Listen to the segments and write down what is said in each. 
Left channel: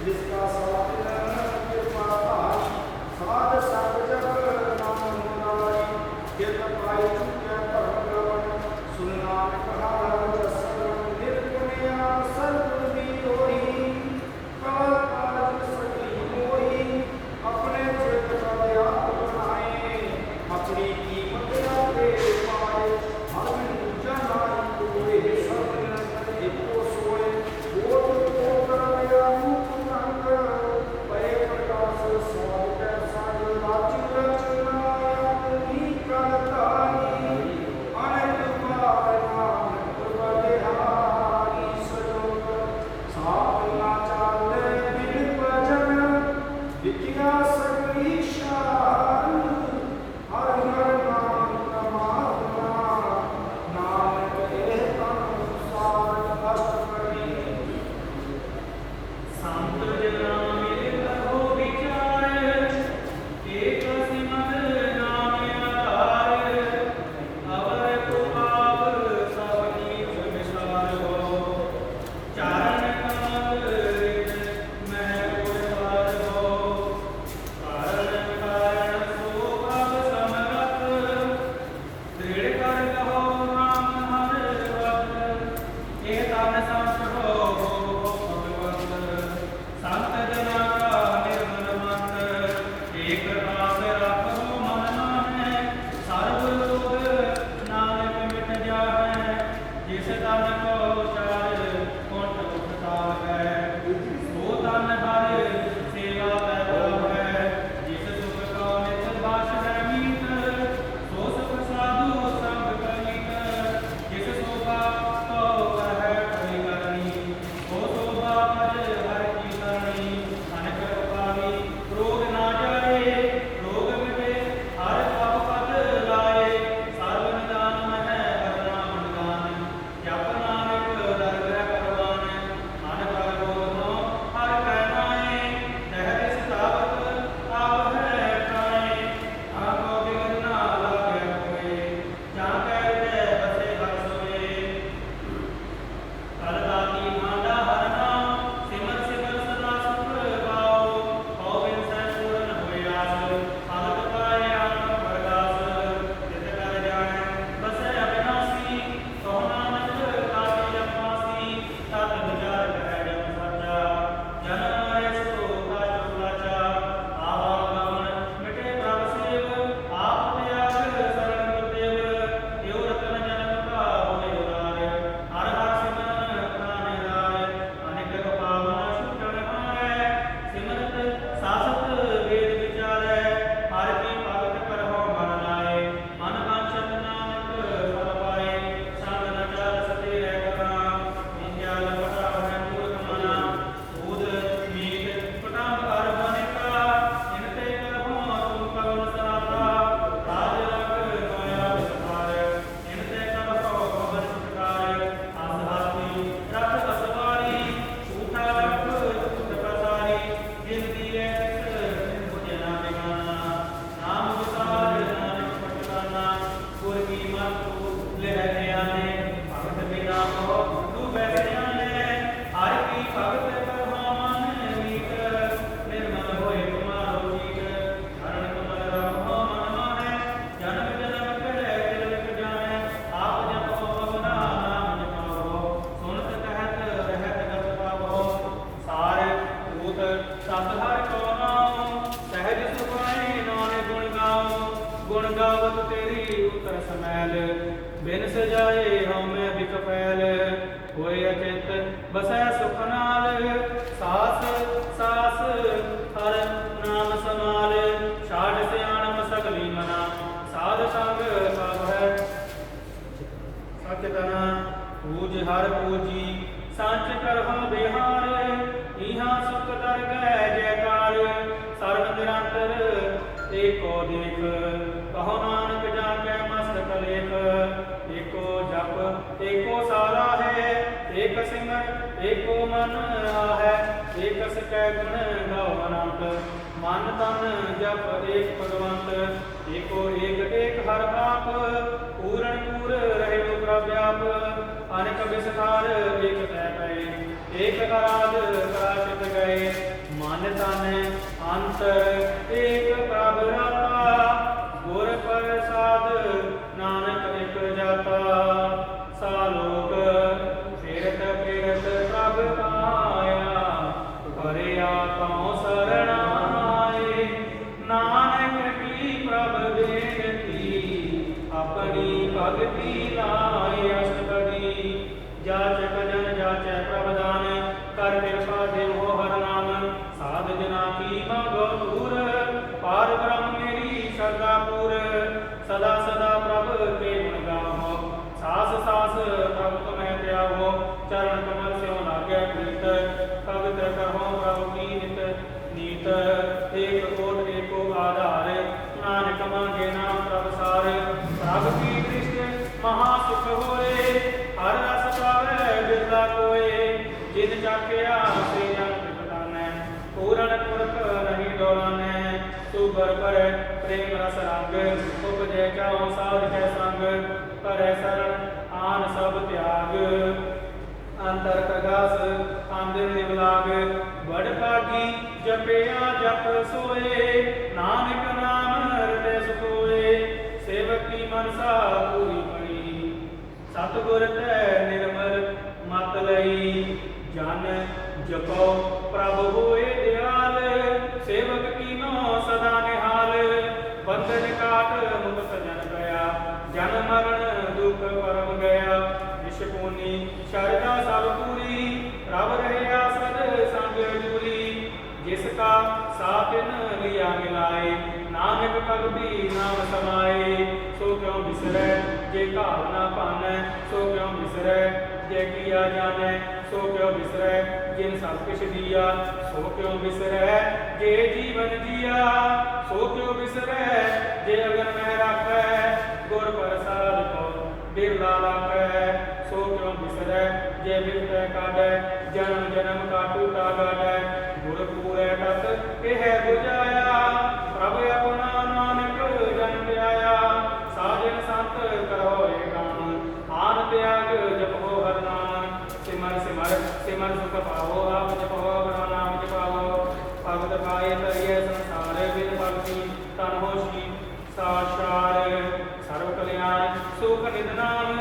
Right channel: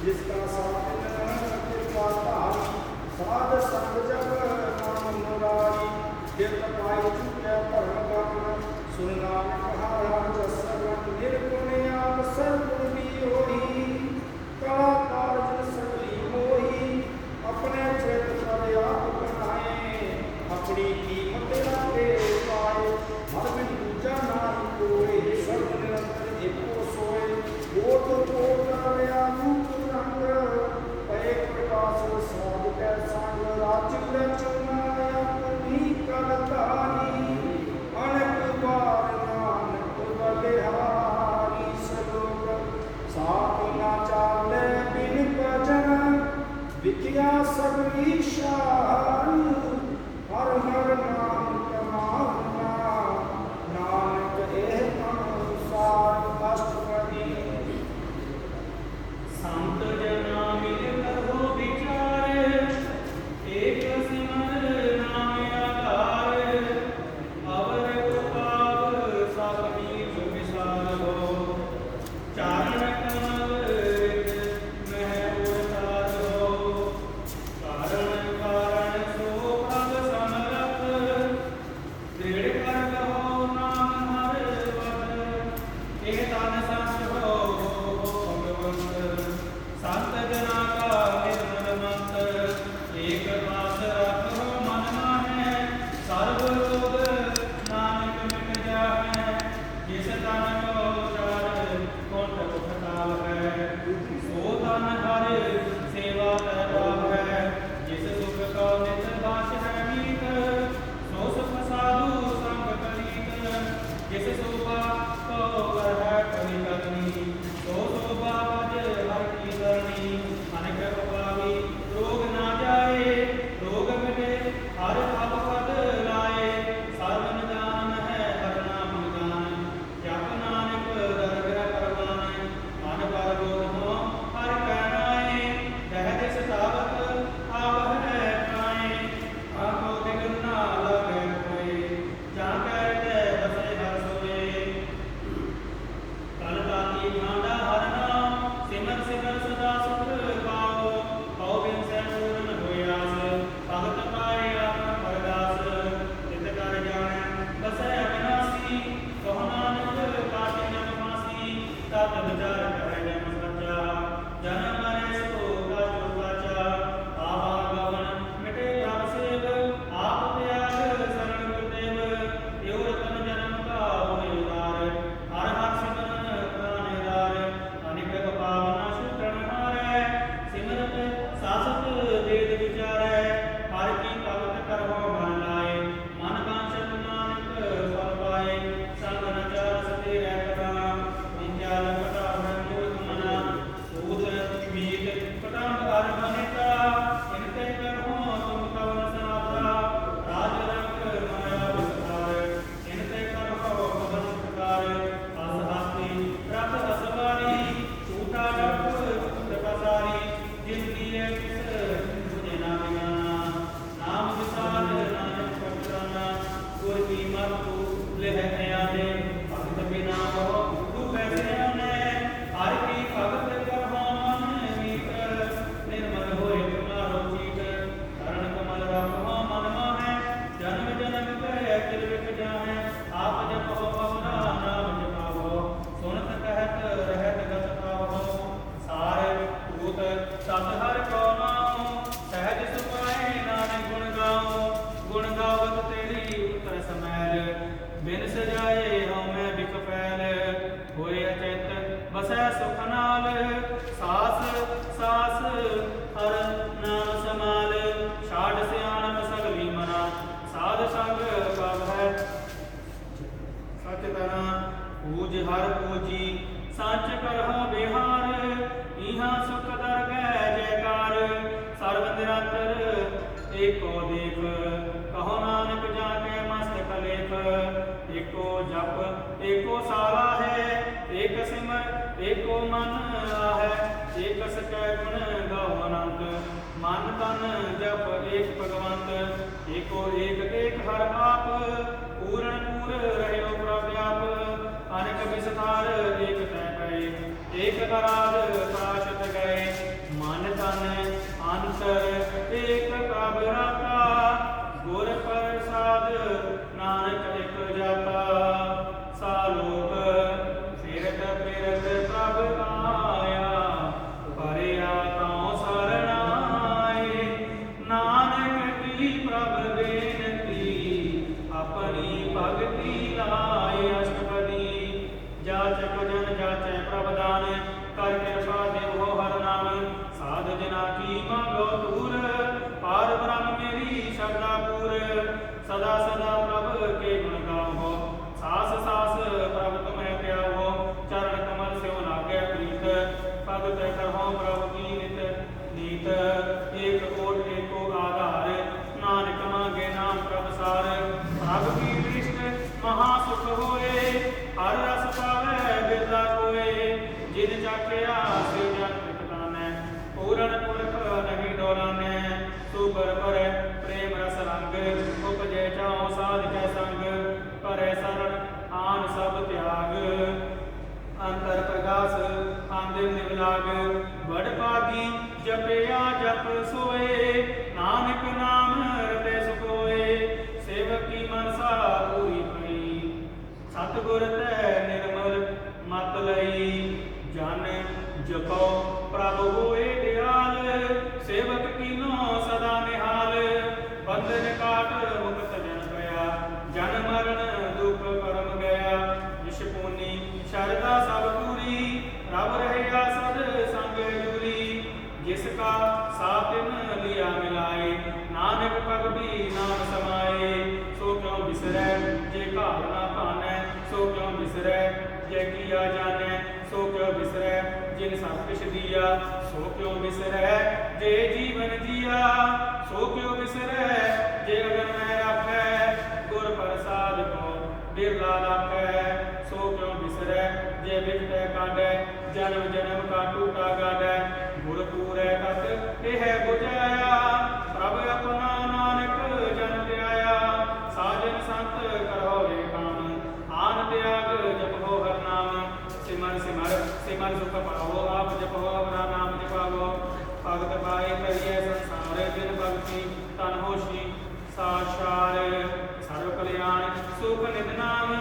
जिसका साधन कृपा पाई साध संग जग नाम मुरारी कित पाई चुके परम गमन सुन नानक हर सरवन निर्गुणिया सर्वगुण भी होई कला कारज सकली मोही अपने चित पद आप बनाए अपनी कीमत लागे पाए हर बिन दूजा नाई कोई सर्व निरंतर एको सोए कोट कोट करवया रूप रंग परे प्रकाश सब कै संग राजिक रचनाया नी करताई अनेक बार नानक बलिहारी सलोक साथ ना चाले बिन भजन विद्या सगली शाह गुण गावत तेरी उतर समैल बिन सजाए हम मैं बिक फैल होए अचिंत बसै सुख नाल सास सास हर नाम समाल छाड़ सियाणप सगली मना साध संग कब है सचतना पूज हर पूजी सांच करहो बिहार इहाँ सुख दरगह जयकार सर्व निरंतर एको देख कहो नानक जाके मस्तक लेख एको जप एको सारा है एक सिमर एको मन आहे एक सकै गुण गाओ अनंत मन तन जप एक भगवंत एको एक हर आप पूरण पूर रहो प्रव्याप अनेक विस्तार एक तय गए एक अराध पराशित गए मन तन अंतर एक प्रभ रता गुर प्रसाद नानक एक जाता सालोक फिरत फिरत प्रभ आया परिया कौ शरणाए नानक की प्रभ बेनती अपनी भगति लाए अष्टपदी जाचक जन जाचै प्रभदान कर कृपा देवो हर नाम साध जना की मांगो दूर पार ब्रह्म मेरी श्रद्धा पूर सदा सदा प्रभ के गुण गाओ सास सास प्रभ तुम्हें त्यागो चरण कमल स्यो लागे प्रीत भगत कहो प्रभु की नित नीत एक कोट एको आधार नानक मांगे नाम प्रभ सार प्रभ की दृष्टि महासुख होए हर रस पावे बिरला कोए जिन चाख्या से जन पिताने पूरन पुरख नहीं डोलाने सुबर पर प्रेम रस रंग उपजे चाओ साध के संग करे शरण आन सब त्याग अंतर प्रगास आंदिन निवलाग बड़ पागी जपया जप सोए नानक नाम हृदय सुखोए सेवकी मनसा पूरी पड़ी सतगुर तै निर्मल मत लई जन जपो प्रभ होए दयाल सेवक कीनो सदा निहाल बंधन काट मुक्त जन गया जन मरण दुख परम गया निष्पुनी शरदा सब पूरी रब रहया सद संग जूरी जिसका सातिन लिया मिलाए नानक भगति नाम समाए सो क्यों बिसरै जे घाल ना पानै सो क्यों बिसरै जे किया जानै सो क्यों बिसरै जिन सब किछ दिया सो क्यों बिसरै जे जीवन जिया सो क्यों बिसरै जे अगन में राखै गुर प्रसाद को बिरला राखै सो क्यों बिसरै जे बिपत काढै जन्म जन्म का टूटा गाढै गुर पूरै तत एह बुझाया प्रभ अपना नानक जन त्याया साजन संत करो ये काम आन त्याग जपो हर नाम सिमर सिमर सिमर सुख पावो आप जपो अपना नाम जपावो भगत पाए तरिए संसार बिन भक्ति तन होशी साक्षार सर्व कल्याण सुख निध नाम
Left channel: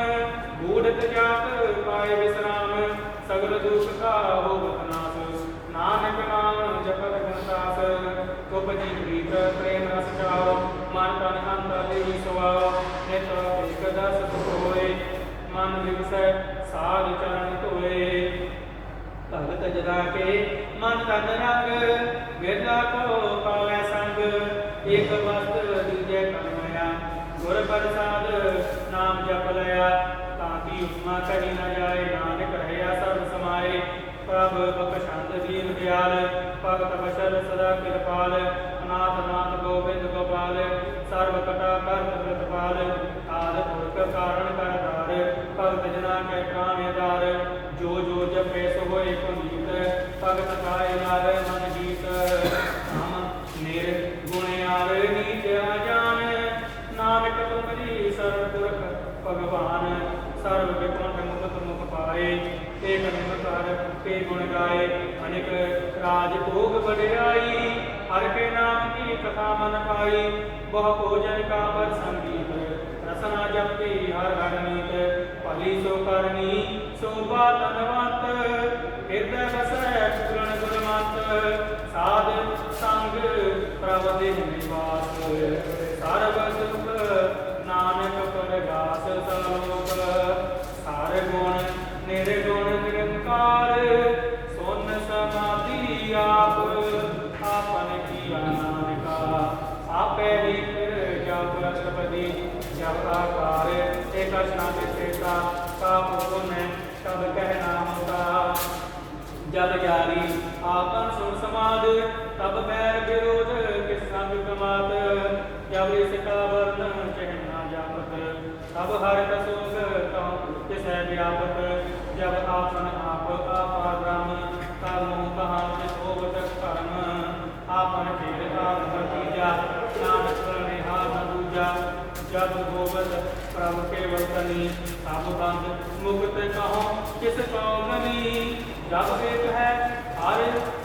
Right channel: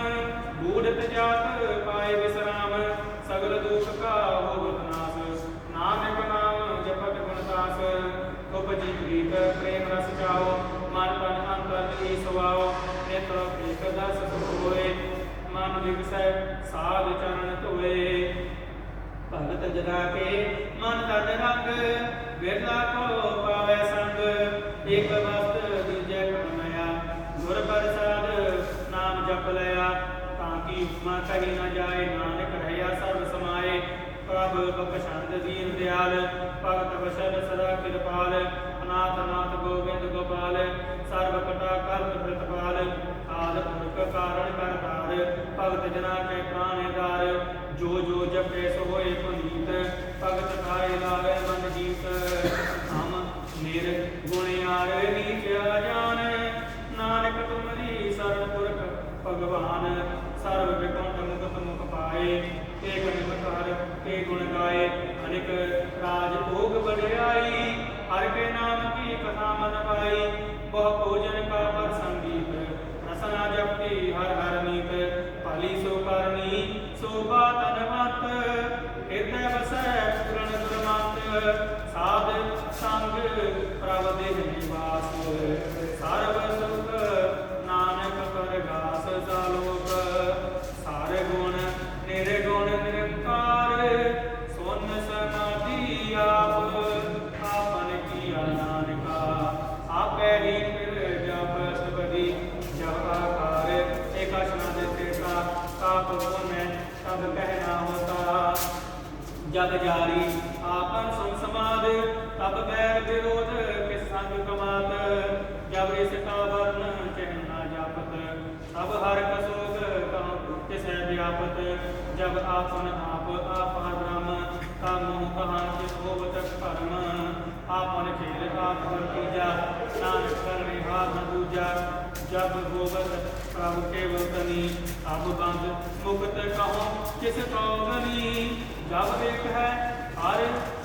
बूढ़त जात पाए विश्राम सगल दुख का होगत नाश नानक नाम जपत गुणदास उपजी प्रीत प्रेम रस जाओ मन तन अंतर तेरी सुआओ नेत्र एक दस सुख होए मन विवसै साध चरण धोए भगत जगा के मन तन रंग बिरला को पावै संग एक वस्त दिजै करमया गुर प्रसाद नाम जप लया ताकि उपमा कही न जाए नानक रहया सर्व समाए प्रभ बख्शंद दीन दयाल भगत बशर सदा कृपाल अनाथ नाथ गोविंद गोपाल सर्व कटा करत प्रतिपाल आद पुरख कारण करतार भगत जना के प्राण दार जो जो जपे सो होए पुनीत भगत खाए लावे मन जीत हम निर्गुण यार नीच अजान नानक तुमरी शरण पुरख भगवान सर्व विकुंठ मुक्त मुख पाए एक निमत हर के गुण गाए अनेक राज भोग बढ़ाई हर के नाम की कथा मन पाई बहु भोजन का पर संगीत रसना जपती हर हर नीत भली सो करनी शोभा तनवंत हृदय बसै पूर्ण गुणमंत साध संग प्रभ दिन निवास सर्व सुख जब आकार एका शनादे का पुष्पन तब कहना होता। जब जारी आपन सुन समाद तब बैर विरोध किस संग कमात। जब इसका वर्ण कहना जापत तब हर कसुग कहूँ किस व्यापत। जब आपन आप आपा ब्रह्म तब मुँह कहाँ होवत कर्म। आपन खेल आप तीजा नानक करने हाथ दूजा। जब गोबत प्रभु केवल तनी तब बंद मुक्त कहो किस कौगनी। जब वेद है हर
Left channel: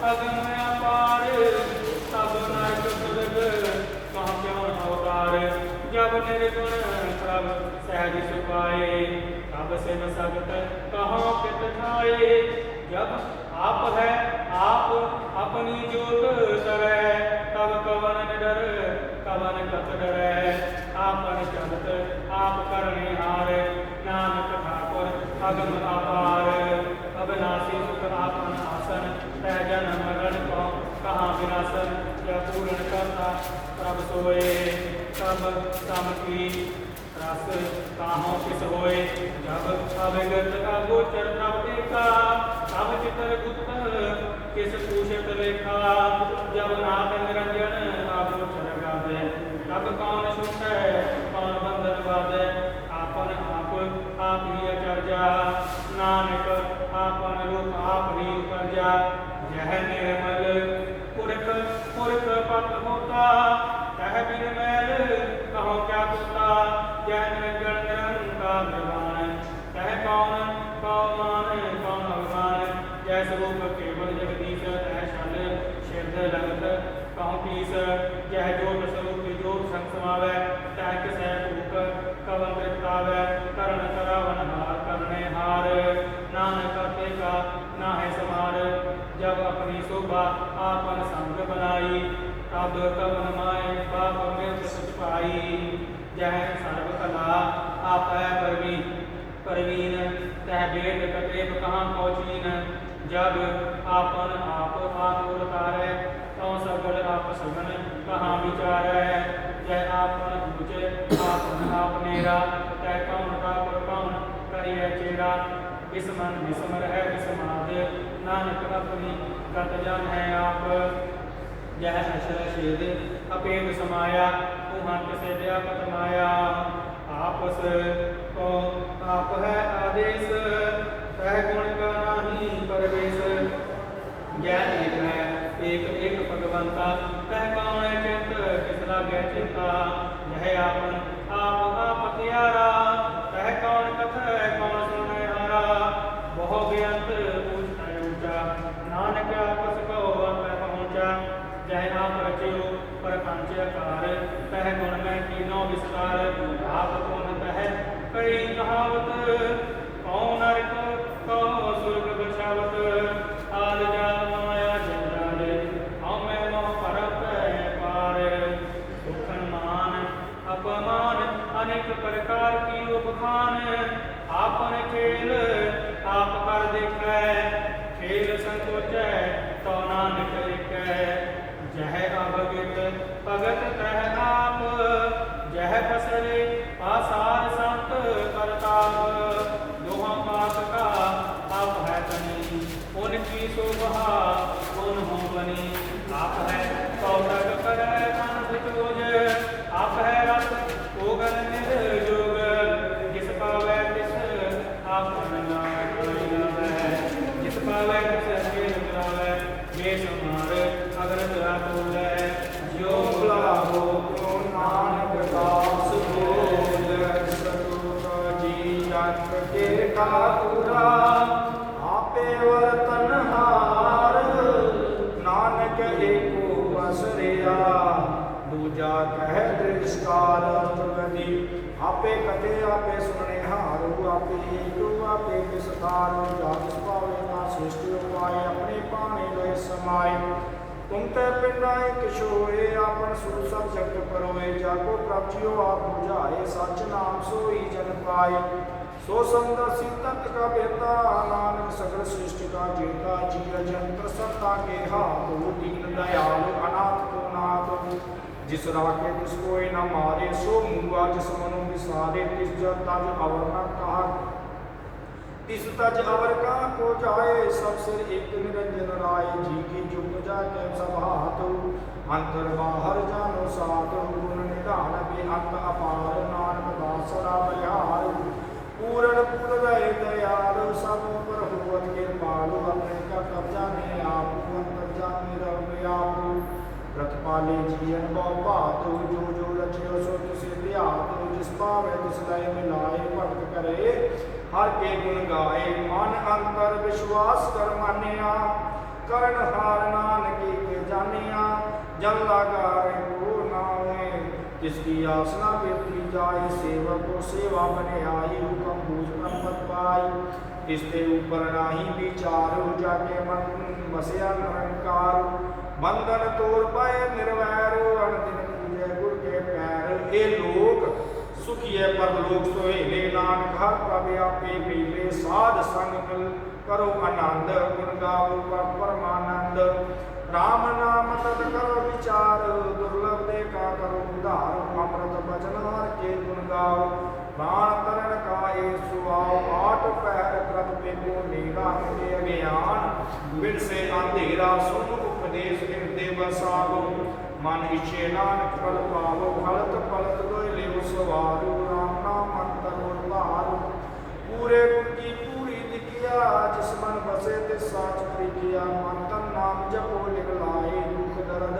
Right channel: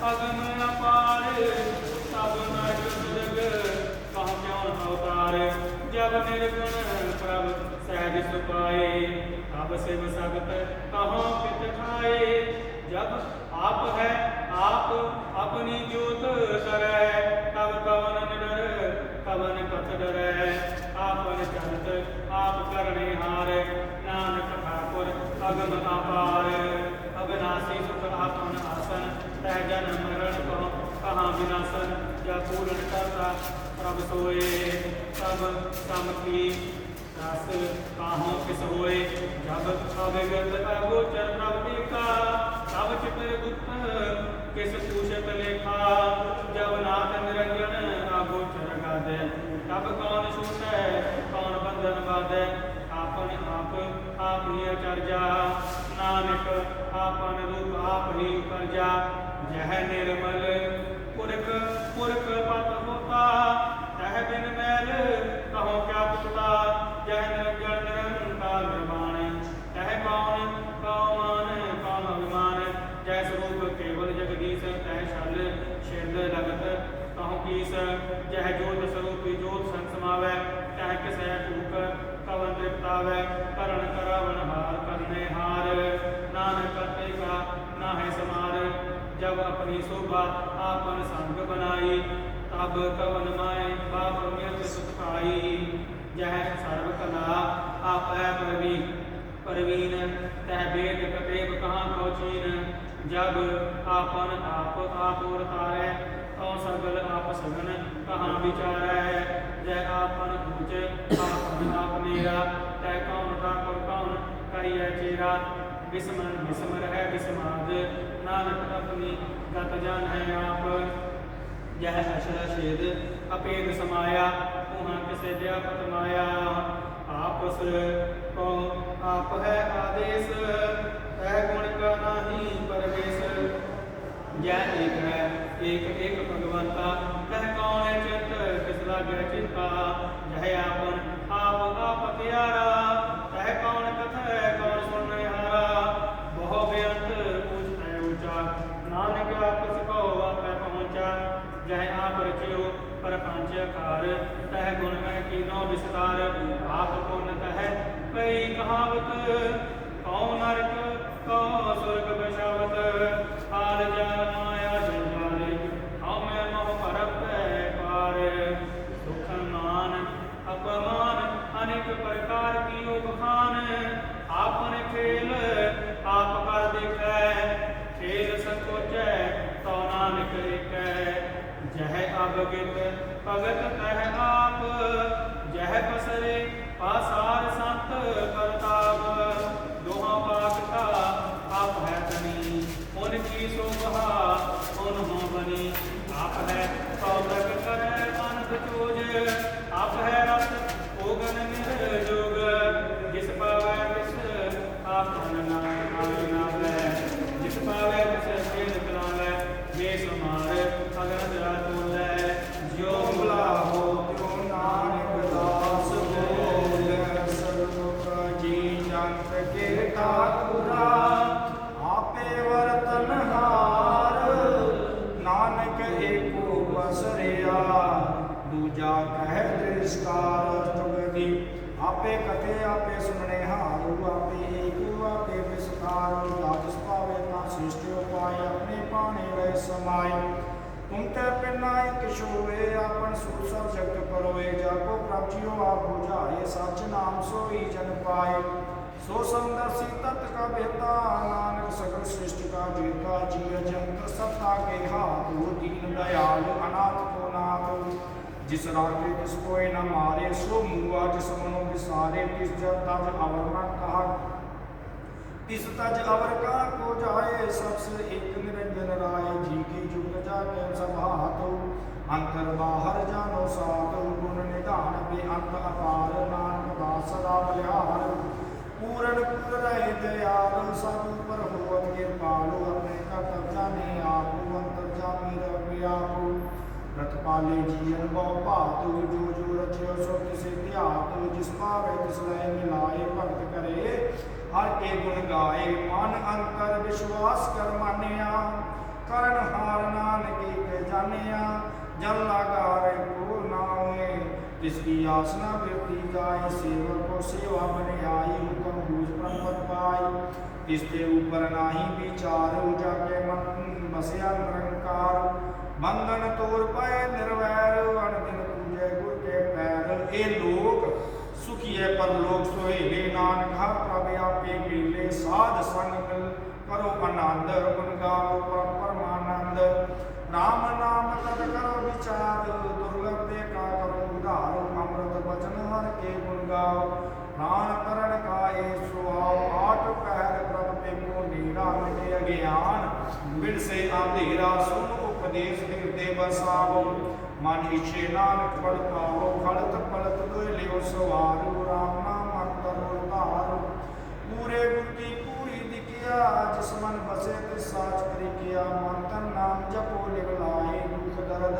अगम अपार तब नरक दुर्ग कहाँ क्यों अवतार। जब निर्गुण प्रभु सहज सुखाए तब शिव सगत कहाँ पित खाए। जब आप है आप अपनी जोत तरह तब कवन निडर कवन कथ डरै। आपन चलत आप करने हार नानक ठाकुर अगम अपार। अविनाशी सुख आपन आसन तह जन्म मरण को कहाँ विनाशन। जब पूर्ण करता प्रभ सोए तब सम की रस काहों किस होए। जब अविगत अगोचर प्रभु का तब चित्र गुप्त किस पूछत लेखा। जब नाथ निरंजन अगोचर गादे तब कौन सुनते कौन बंधन बाधे। आपन आप ही अचर्या नानक आपन रूप आप ही उपरजा। यह निर्मल पुरख पुरख पत होता तह बिन मैल कहो क्या तोता। यह निरंजन निरंकार निर्वाण कह कौन कौमान कौन अभिमान। जय स्वरूप केवल जगदीश तह शन शिरद लगत कहूँ पीस। यह जोत स्वरूप जोत संग समावै तह किस भूख कवन तृप्तावै। करण करावन हार करने हार नानक करते का नाहे समार। जब अपनी शोभा आपन संग बनाई तब कवन माए पाप मृत सुत पाई। जह सर्व कला आप है परवीन तह वेद कतेब कहाँ कौचीन। जब आपन आप उतारे तो सगल आप सगन कहाँ विचारै। जय आपन ऊँचे आपन आप नेरा तय कौन का पर कौन करिए चेरा। विस्मन विस्मर है विस्माद नानक अपनी गत जन है आप। यह अशर शेद अपेद समाया उहाँ किसे व्यापक माया। आपस को आप है आदेश तह गुण का नाही परवेश। यह एक है एक एक भगवंता कह कौन चित किस लागे चिंता। यह आपन आप त्यारा तह कौन कथ कौन सुने हारा। बहु बेअंत पूछ ऊंचा नानक आपस को आप पहुँचा। जय आप रचियो प्रपंच कार कह गुण में तीनों विस्तार। आप पुन कह कई कहावत कौन नरक कौन स्वर्ग बसावत। आल जाल माया जंजाल हमें मोह परप पार। सुख मान अपमान अनेक प्रकार की उपखान। आपन खेल आप कर देखै खेल संकोच तो नानक लिखै। जह अवगित भगत तह आप जह पसरे पासार संत परताप। दोहा पाक का आप है तनी उनकी शोभा उन्हों बनी। आप है कौतक कर अनबुझ आप है रस ओगन निर्जोग। जिस पावै तिस आपन नाम जिस पावै तिस कीन करावै। बेसुमार अगर जरा बोलै जो बुला हो तो नानक दास बोल। स्वरूप जी जन के ठाकुरा आपे वर्तन हार। नानक एको बसरिया दूजा कह दृष्कार गति। आपे कथे आपे सुनने हारू आपे एक आपे विस्तार। जातिस पावे ना श्रेष्ठ उपाय अपने पाने गए समाय। तुम ते पिंडा एक शोए आपन सूर सब जगत करोए। जाको प्राप्तियो आप बुझाए सच नाम सोई जन पाए। सो समदर्शी तत्व का बेहता नानक सगल सृष्टि का जेता। जीव जंत्र सत्ता के हाथ दीन दयाल अनाथ को नाथ जिस राखे तिस कोई न मारे, सो मुआ जिस मनो विसारे, तिस जब तज अवर न कहा, तिस तज अवर कहाँ को जाए, सब सिर एक निरंजन राय, जी की जुग जाके सब हाथ, अंतर बाहर जानो साथ, गुण निधान बेअंत अपार, नानक दास सदा बलिहार, पूरन पुर रहे दयाल, सब पर होवत कृपालु, अपने कर्तव्य जाने आप, अंतर जामे रब आप, प्रतिपाले जीवन बहु भात, जो जो रचियो सो तिसे ध्यात, जिस पावे तिस लय मिलाए, भगत करे हर के गुण गाए, मन अंतर विश्वास कर मानिया, कर्ण हार नानक के जानिया, जन लागा रे को नाए, जिसकी आसना व्यक्ति जाए, सेवक को सेवा बने आई, हुक्म बूझ ब्रह्मत पाई, इसके ऊपर नाही विचार, जाके मन बसया निरंकार, बंधन तोड़ पाए निर्वैर, अनदिन पूजे गुर के पैर, ए लोक सुखी है पर लोक सोहेले, नानक हर प्रभ आपे मिले, साध संग मिल करो आनंद, गुण गाओ परमानंद, राम नाम तत करो विचार, दुर्लभ देखा करो उधार, अमृत बचन हर के गुण गाओ, प्राण तरण का ए सुआओ, आठ पहर प्रभ पे को नीरा, मिटे अज्ञान बिन से अंधेरा, सुन उपदेश हृदय बसाओ, मन इच्छे नानक फल पावो, फलत फलत दोय लियो सवारो, राम नाम अंतर उर्वारो, पूरे गुण की पूरी दिखिया, जिस मन बसे तिस साच परिकिया, मन तन नाम जपो लिख लाए, दुख दर्द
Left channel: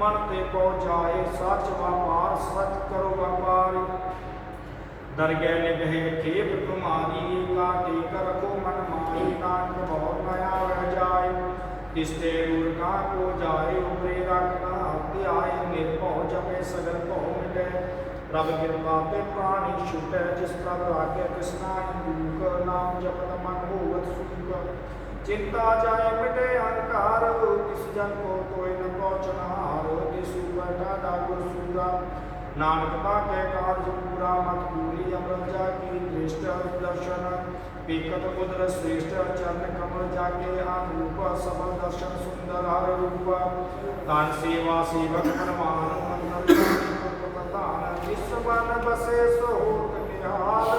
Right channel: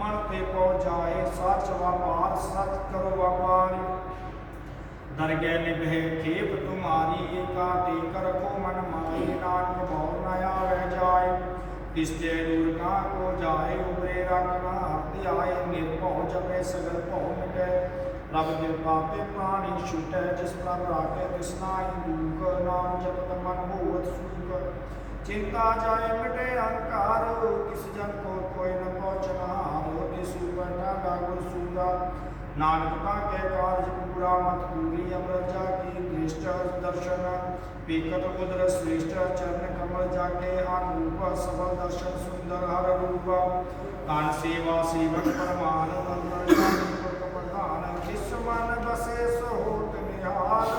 मन ते पौ जाए, सच व्यापार सच करो व्यापार, दरगह निभे खेप तुम्हारी, काटे कर को मन माई, नानक भाव नया वह जाए, किसते दूर कहाँ को जाए, उबरे रखना हत्या आए, निर्भव जपे सगर भव मिटे, रब कृपा पे प्राणी छूटे, जिस प्रभ राखे कृष्णाई दुख, नाम जपत मन होवत सुख, चिंता जाए मिटे अहंकार, किस जन को कोई न पहुँचनार, तिसु बैठा डाकुर सूरा, नानक पाके कार्य पूरा मत पूरी, अमृत जाकी दृष्ट दर्शन, पीकट उदर श्रेष्ठ, चरण कमल जाके आरूप, सबल दर्शन सुंदर हर रूप, दान सेवा सेवक परमान, मंत्र प्रधान, जिस मन बसे सो होत निहाल,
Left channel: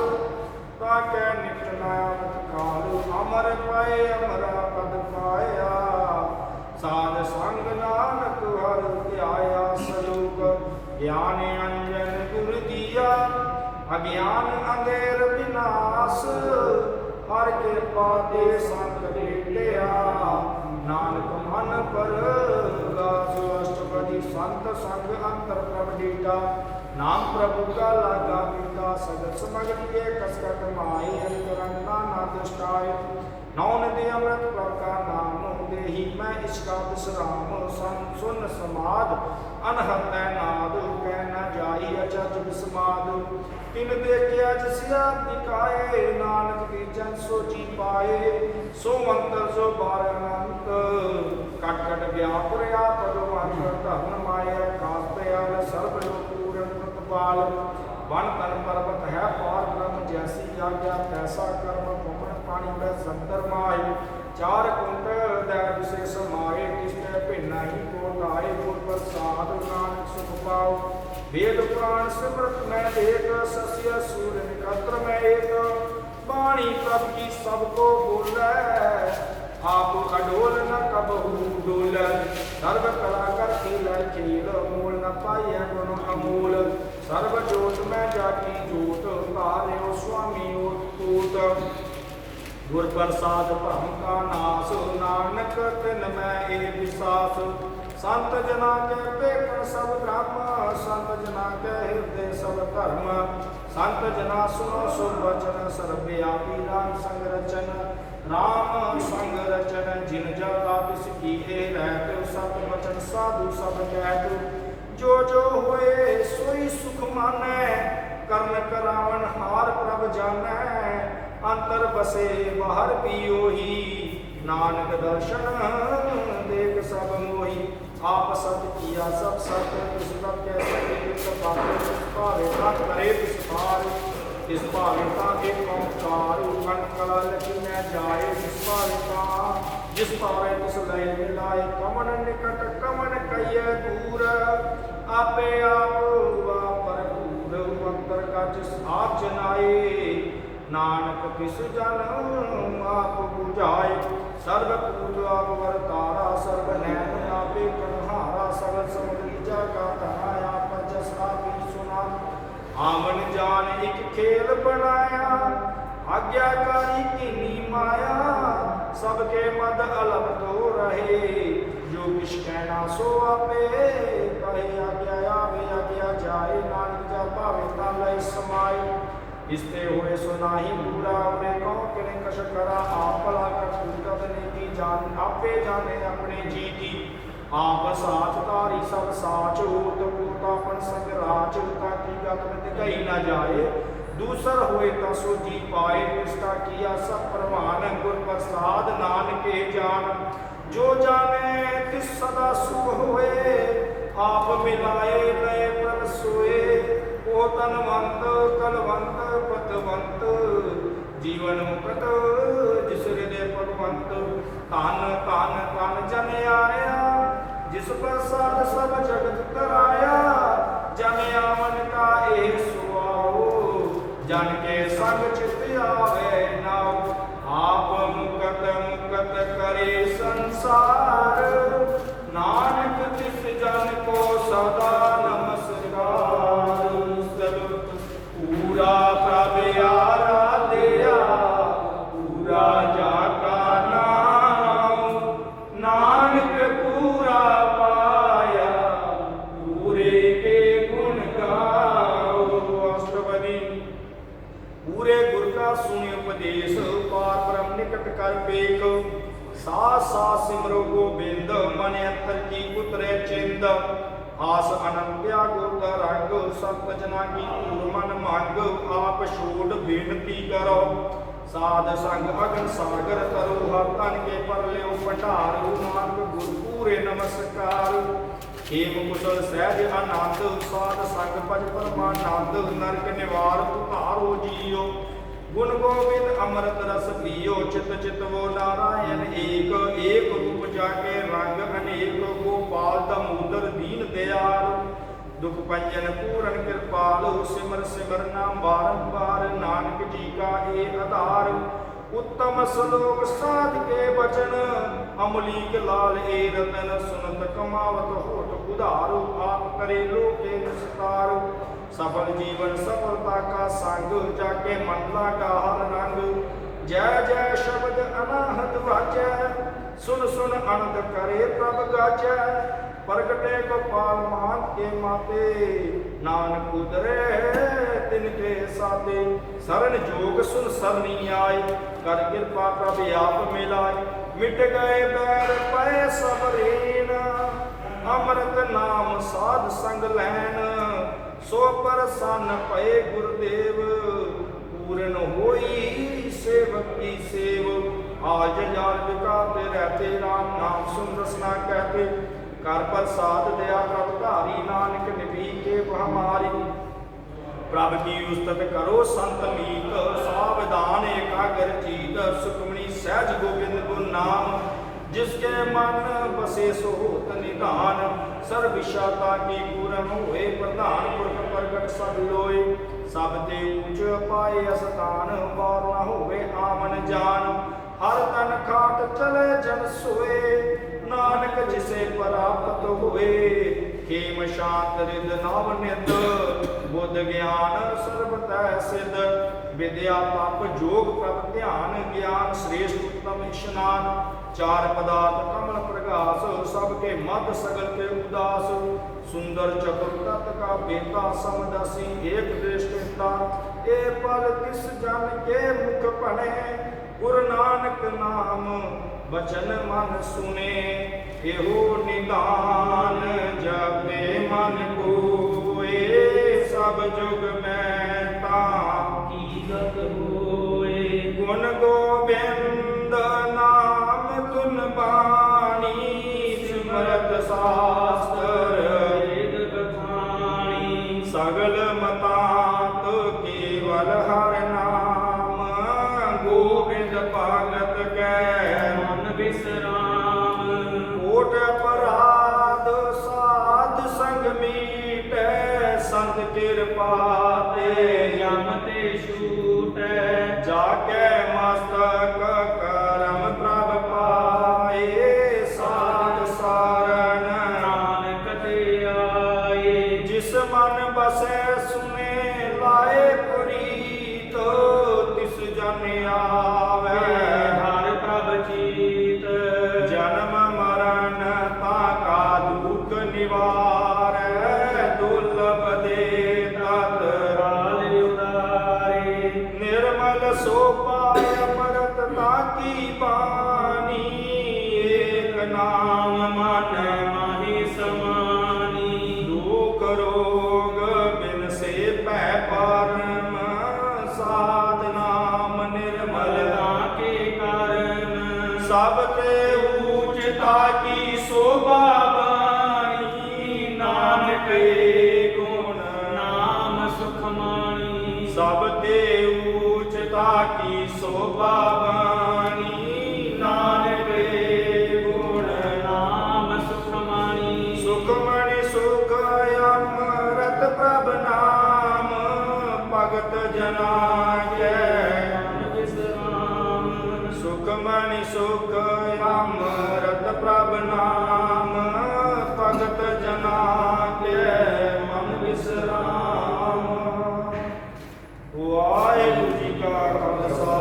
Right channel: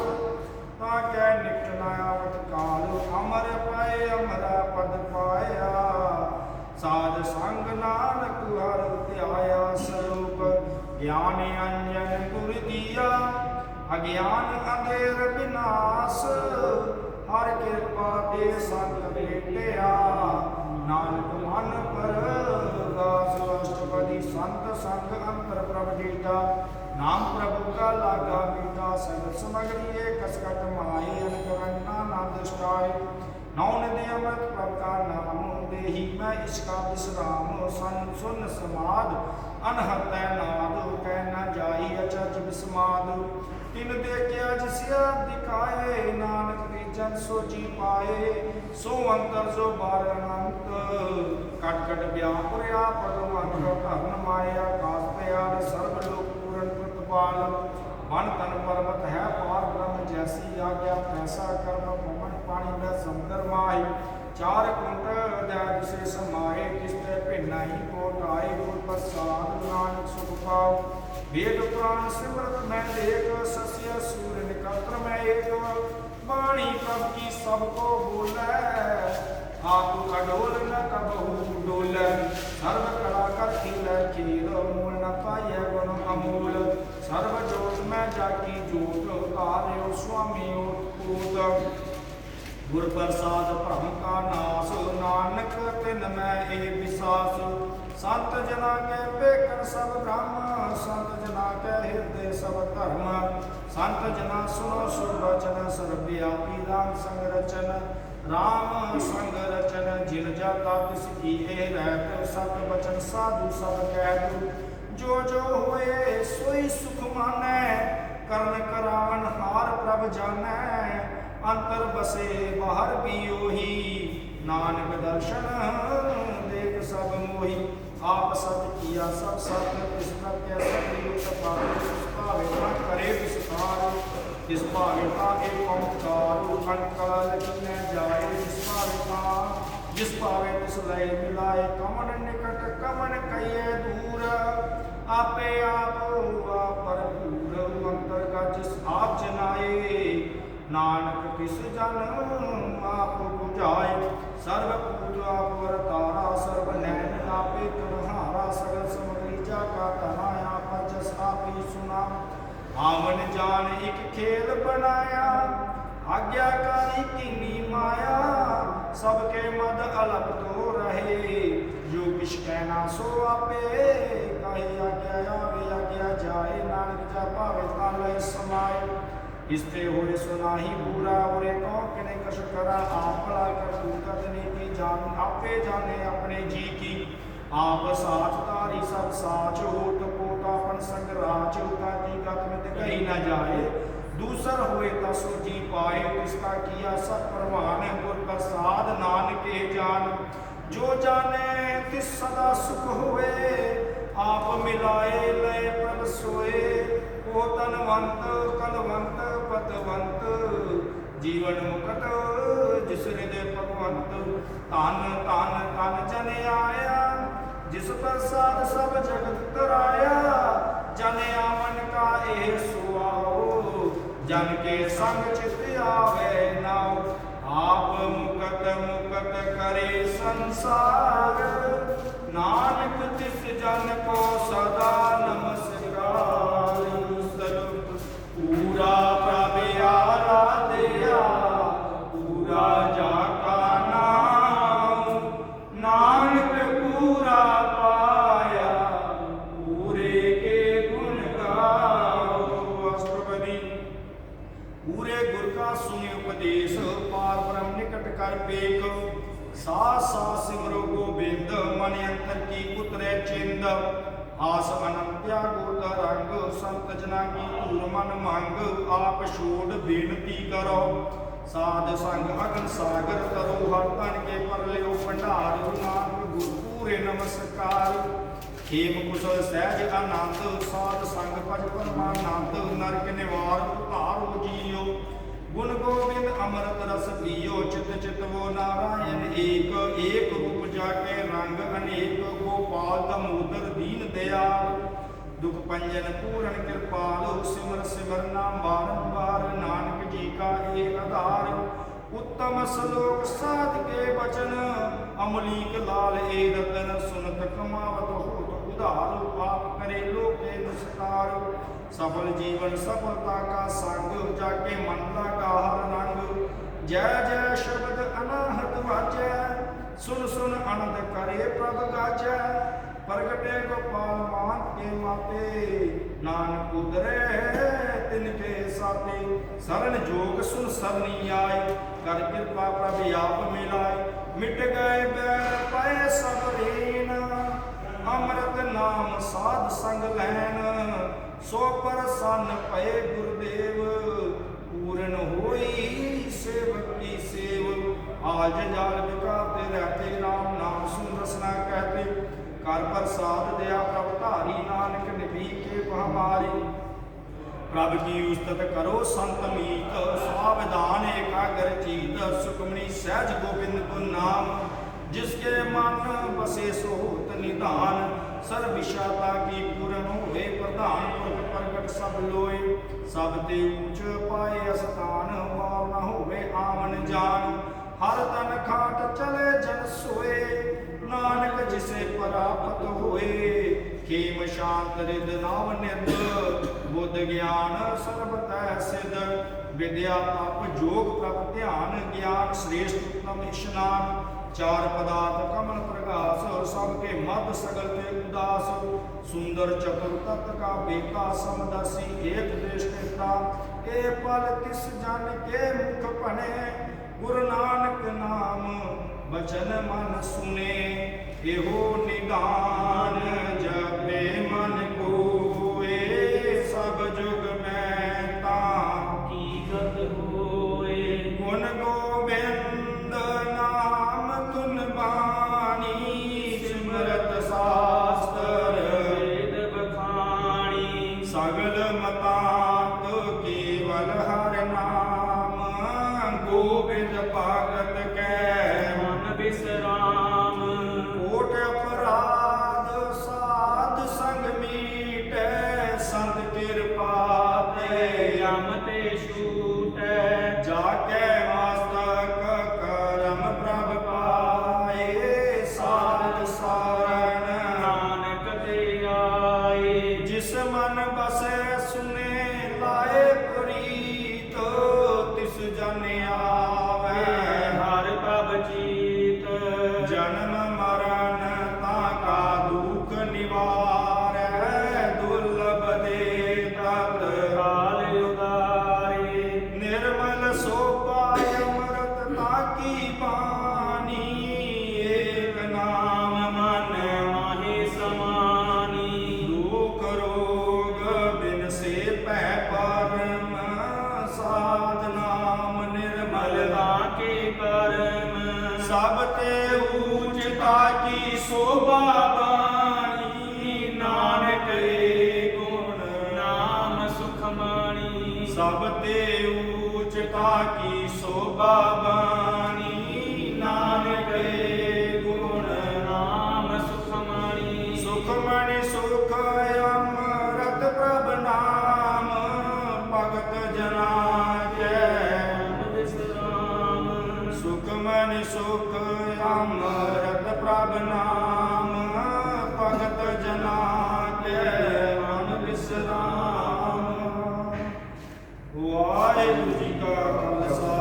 ताके निकट नयावत काल, अमर पाए अमरा पद पाया, साध संग नानक हर ध्याया, सलोक ज्ञान अंजन गुर दिया, अज्ञान अंधेर विनाश, हर कृपा दे संत लेटिया, नानक मन पर गास, अष्टपदी संत संग अंतर प्रभ डेटा, नाम प्रभु का लागा मीठा, सगल समग्री कसकट माई, करना ना दुष्टाय, नौन दे अमृत प्रभ का नाम, देही मैं इसका विश्राम, सुन समाद अनहत नाद, कह न जाई अचज विस्माद, तिन देखिया जिसिया दिखाए, नानक बीजन सोची पाए, सो मंत्र सो बारनंत, कट कट व्यापुरया परम धर्म माया, कास दयाल सर्व लोक पूर्ण प्रतिपाल, वन तन पर्वत है पार ब्रह्म, जैसी आज्ञा तैसा कर्म, पवन पानी में संतर माही, चार कुंट दैव से समाये, तिसते भिन्ना ही कोट आए, गुर प्रसाद नानक सुख पाओ, वेद पुराण सिमरत में देख, सस्य सूर्य निकत्र में एक, वाणी प्रभ की सबको बोले, आप अडोल न कबहू डोल, सर्व कला कर खेल खेल, मूल न पाइय गुण अमूल, सर्व जोत में जाकी जोत, तार्यो स्वामी ओत, गुर प्रसाद भ्रम का नाश, नानक तिन में ए विश्वास, संत जना के बेकन सब ब्रह्म, संत जना के हृदय सब धर्म, संत जना सुनो सो वचन, सर्वव्यापी राम संग रचन, राम संग रचन, जिन जाता तिस की रहते, सत वचन साधु सब कह, जो जो होए सोई सुख मानै, कर्ण करावन हार प्रभ जानै, अंतर बसे बाहर भी ओही, नानक दर्शन देख सब मोही, आप सत किया सब सत्य, तिस प्रभ के सत्य पावे, तिस पावे ता करे विस्तार, तिस पावे ता एक ओंकार, कनकला लखी न जाए, जिस पावे तिस लय मिलाए, कमन निकट कमन कहिए दूर, आपे आप भरपूर अंतर कच आप जनाए नानक किस जन आप बुझाए सर्व पूज आप वरतारा सर्व नैन आपे तुम्हारा सगल समरीजा का तना आप जस आपी सुना आवन जान एक खेल बनाया आज्ञाकारी कीनी माया सबके मद अलग तो रहे जो किश कहना सो आपे कहे आज्ञा आवे आज्ञा जाए नानक जा पावे ता लय समाए इसते होए सो नाही पूरा उरे कहो किने कश करा आप भला कर कूटत ने की जान आपे जाने अपने जी की आप साच तारी सब साच होत पोता अपन संग राज ताकि गत कही न जाए दूसर हुए ता सो जी पाए इसका किया सब परवान गुर प्रसाद नानक के जान जो जाने तिस सदा सुख हुए आप मिलाए लय प्रभ सोए ओ तनवंत कलवंत पतवंत जीवन मुकत जिस हृदय भगवंत तन तन तन जन आया जिस प्रसाद सब जगत तराया जन आवन का ए सुआओ जन के संग चित आवे नाओ आप मुकत मुकत करे संसार नानक तिस जन को सदा नमस्कार पूरा प्रभ आराध्या पूरा जाका नाम नानक पूरा पाया पूरे के गुण गाओ अष्टपदी पूरे गुर का सुनि उपदेश पार ब्रह्म निकट कर पेख सास सास सिमरो गोबिंद मन अंतर की उतरे चिंद आस अनंत्या गुर रंग संत जना की पूर मन मंग आप छोड़ बेनती करो साध संग अगन सागर तरो हर तन के पर लियो भंडार नानक गुर पूरे नमस्कार हेम कुशल सहज आनंद साध संग भज परमानंद नरक निवार उतारो जियो गुण गोविंद अमृत रस पियो चित चित वो नारायण एक एक रूप जाके रंग अनेक गोपाल दामोदर दीन दयाल दुख पंजन पूरन कृपाल सिमर सिमर नाम बारंबार नानक जी का ये आधार उत्तम श्लोक साध के वचन अमलीक लाल ए रतन सुनत कमावत होत उधार आप करे लोके निस्तार सफल जीवन सफलता का संग जाके मन लगा हर रंग जय जय शब्द अनाहत वाजै सुन सुन आनंद करे प्रभ गाजै प्रगटे गोपाल मान के माते नानक उतरे तिनके साथे शरण जोग सुन सरनी आए कर कृपा प्रभ आप मिलाए मिट गए बैर पए सब रीन अमृत नाम साध संग लैन सो प्रसन्न पए गुरुदेव पूर्ण होई सेवक की सेव आज जाल बिकाते रहते राम नाम सुन रसना कहते कर प्रसाद दया प्रभ धारी नानक निभि के हमारी प्रभ की उस्तत करो संत मीत सावधान एकाग्र चीत सुखमणि सहज गोविंद गुण नाम जिसके मन बसे सो होत निधान सर्व विशाता की पूर्ण होए प्रधान पुरख प्रगट सब लोए सब ते ऊंच पाए स्थान वार न होवे आवन जान हर तन खाट चले जन सोए नानक जिसे प्राप्त हुए खेम शांत रिद नव निद बुद्ध ज्ञान सर्वतः सिद्ध विद्या तप जोग प्रभ ध्यान ज्ञान श्रेष्ठ उत्तम स्नान चार पदार्थ कमल प्रकाश सबके मत सगल के उदास सुंदर चतुर तत् का बेटा समदसी एक दृष्टिता ए पल तिस जन के मुख पने गुरु नानक नाम बचन मन सुने एहो निदान जपे मन कोए सब जुग में ता कीरत होए गुण गोविंद नाम तुन बानी सिमरत शास्त्र वेद बखानी सगल मतांत केवल हर नाम गोविंद भगत कै मन विश्राम कोट अपराध साध संग में ਪਾਤੇ ਜਮ ਤੇ ਛੂਟੈ ਜਾਕੇ ਮਸਤਕ ਕਰਮ ਪ੍ਰਭ ਪਾਏ ਸਾਧ ਸਾਰਨ ਨਾਨਕ ਤੇ ਆਏ ਜਿਸ ਮਨ ਬਸੈ ਸੁਨੇ ਲਾਏ ਪ੍ਰੀਤ ਤਿਸ ਜਨ ਆਵੈ ਹਰਿ ਪ੍ਰਭ ਚੀਤ ਜਨਮ ਮਰਨ ਤਾ ਕਾ ਦੁਖ ਨਿਵਾਰੈ ਦੁਰਲਭ ਦੇ ਤਤ ਕਾਲ ਉਦਾਰੇ ਨਿਰਮਲ ਸੋ ਪਾਇ ਅੰਮ੍ਰਿਤ ਤਾਕੀ ਬਾਣੀ ਏਕ ਨਾਮ ਮਨ ਮਾਹੀ ਸਮਾਨੀ ਦੁਖ ਰੋਗ ਬਿਨ ਸੇ ਭੈ ਪਰਮ ਸਾਧ ਨਾਮ ਨਿਰਮਲ ਤਾਂ ਕੇ ਕਰਮ ਸਭ ਤੇ ਊਚ ਤਾਕੀ ਸੋਭਾ ਬਾਣੀ ਨਾਨਕ ਏ ਗੁਣ ਨਾਮ ਸੁਖ ਮਾਣੀ ਸਭ ਤੇ ਊਚ ਤਾਕੀ ਸੋਭਾ ਬਾਣੀ ਨਾਨਕ ਏ ਗੁਣ ਨਾਮ ਸੁਖ ਮਾਣੀ ਸੁਖਮਣਿ ਸੁਖ ਅੰਮ੍ਰਿਤ ਪ੍ਰਭ ਨਾਮ ਭਗਤ ਜਨਾ ਕੈ ਵਿਸਰਾਮ ਸੁਖਮਣਿ ਸੁਖ ਅੰਮ੍ਰਿਤ ਪ੍ਰਭ ਨਾਮ ਭਗਤ ਜਨਾ ਕੈ ਮਨ ਵਿਸਰਾਮ ਵਾਹਿਗੁਰੂ ਜੀ ਕਾ ਖਾਲਸਾ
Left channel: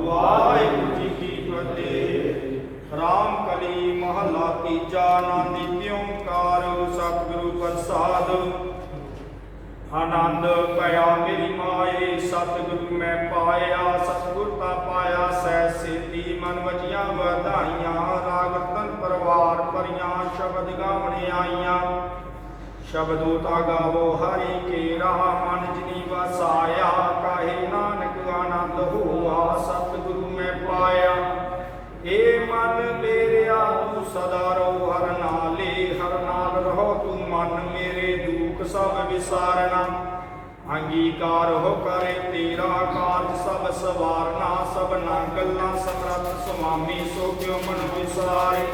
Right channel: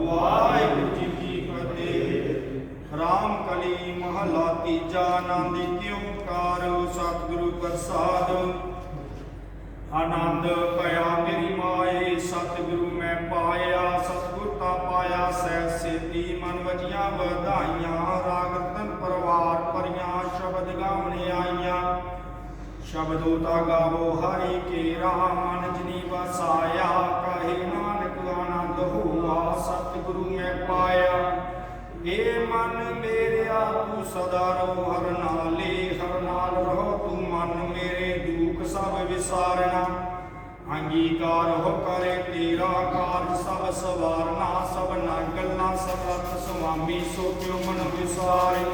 ਵਾਹਿਗੁਰੂ ਜੀ ਕੀ ਫਤਿਹ ਰਾਮ ਕਲੀ ਮਹਲਾ ਤੀਜਾ ਆਨੰਦ ਕਿਉ ਕਾਰ ਸਤਿਗੁਰੂ ਪ੍ਰਸਾਦ ਆਨੰਦ ਪਿਆ ਮੇਰੀ ਮਾਏ ਸਤਿਗੁਰੂ ਮੈਂ ਪਾਇਆ ਸਤਿਗੁਰ ਤਾਂ ਪਾਇਆ ਸਹਿ ਸੇਤੀ ਮਨ ਵਜੀਆਂ ਵਧਾਈਆਂ ਰਾਗ ਰਤਨ ਪਰਵਾਰ ਭਰੀਆਂ ਸ਼ਬਦ ਗਾਵਣ ਆਈਆਂ ਸ਼ਬਦੋ ਤਾ ਗਾਵੋ ਹਰੀ ਕੇਰਾ ਮਨ ਜਿਨੀ ਵਸਾਇਆ ਕਾਹੇ ਨਾਨਕ ਆਨੰਦ ਹੋਆ ਸਤਿਗੁਰੂ ਮੈਂ ਪਾਇਆ ਏ ਮਨ ਮੇਰਿਆ ਤੂੰ ਸਦਾ ਰਹੋ ਹਰ ਨਾਲੇ ਹਰ ਨਾਲ ਰਹੋ ਤੂੰ ਮਨ ਮੇਰੇ ਦੁਖ ਸਭ ਵਿਸਾਰਨਾ ਅੰਗੀਕਾਰ ਹੋ ਕਰੇ ਤੇਰਾ ਕਾਰਜ ਸਭ ਸਵਾਰਨਾ ਸਭਨਾ ਗੱਲਾਂ ਸਮਰੱਥ ਸੁਆਮੀ ਸੋ ਕਿਉ ਮਨ ਵਿਸਾਰੇ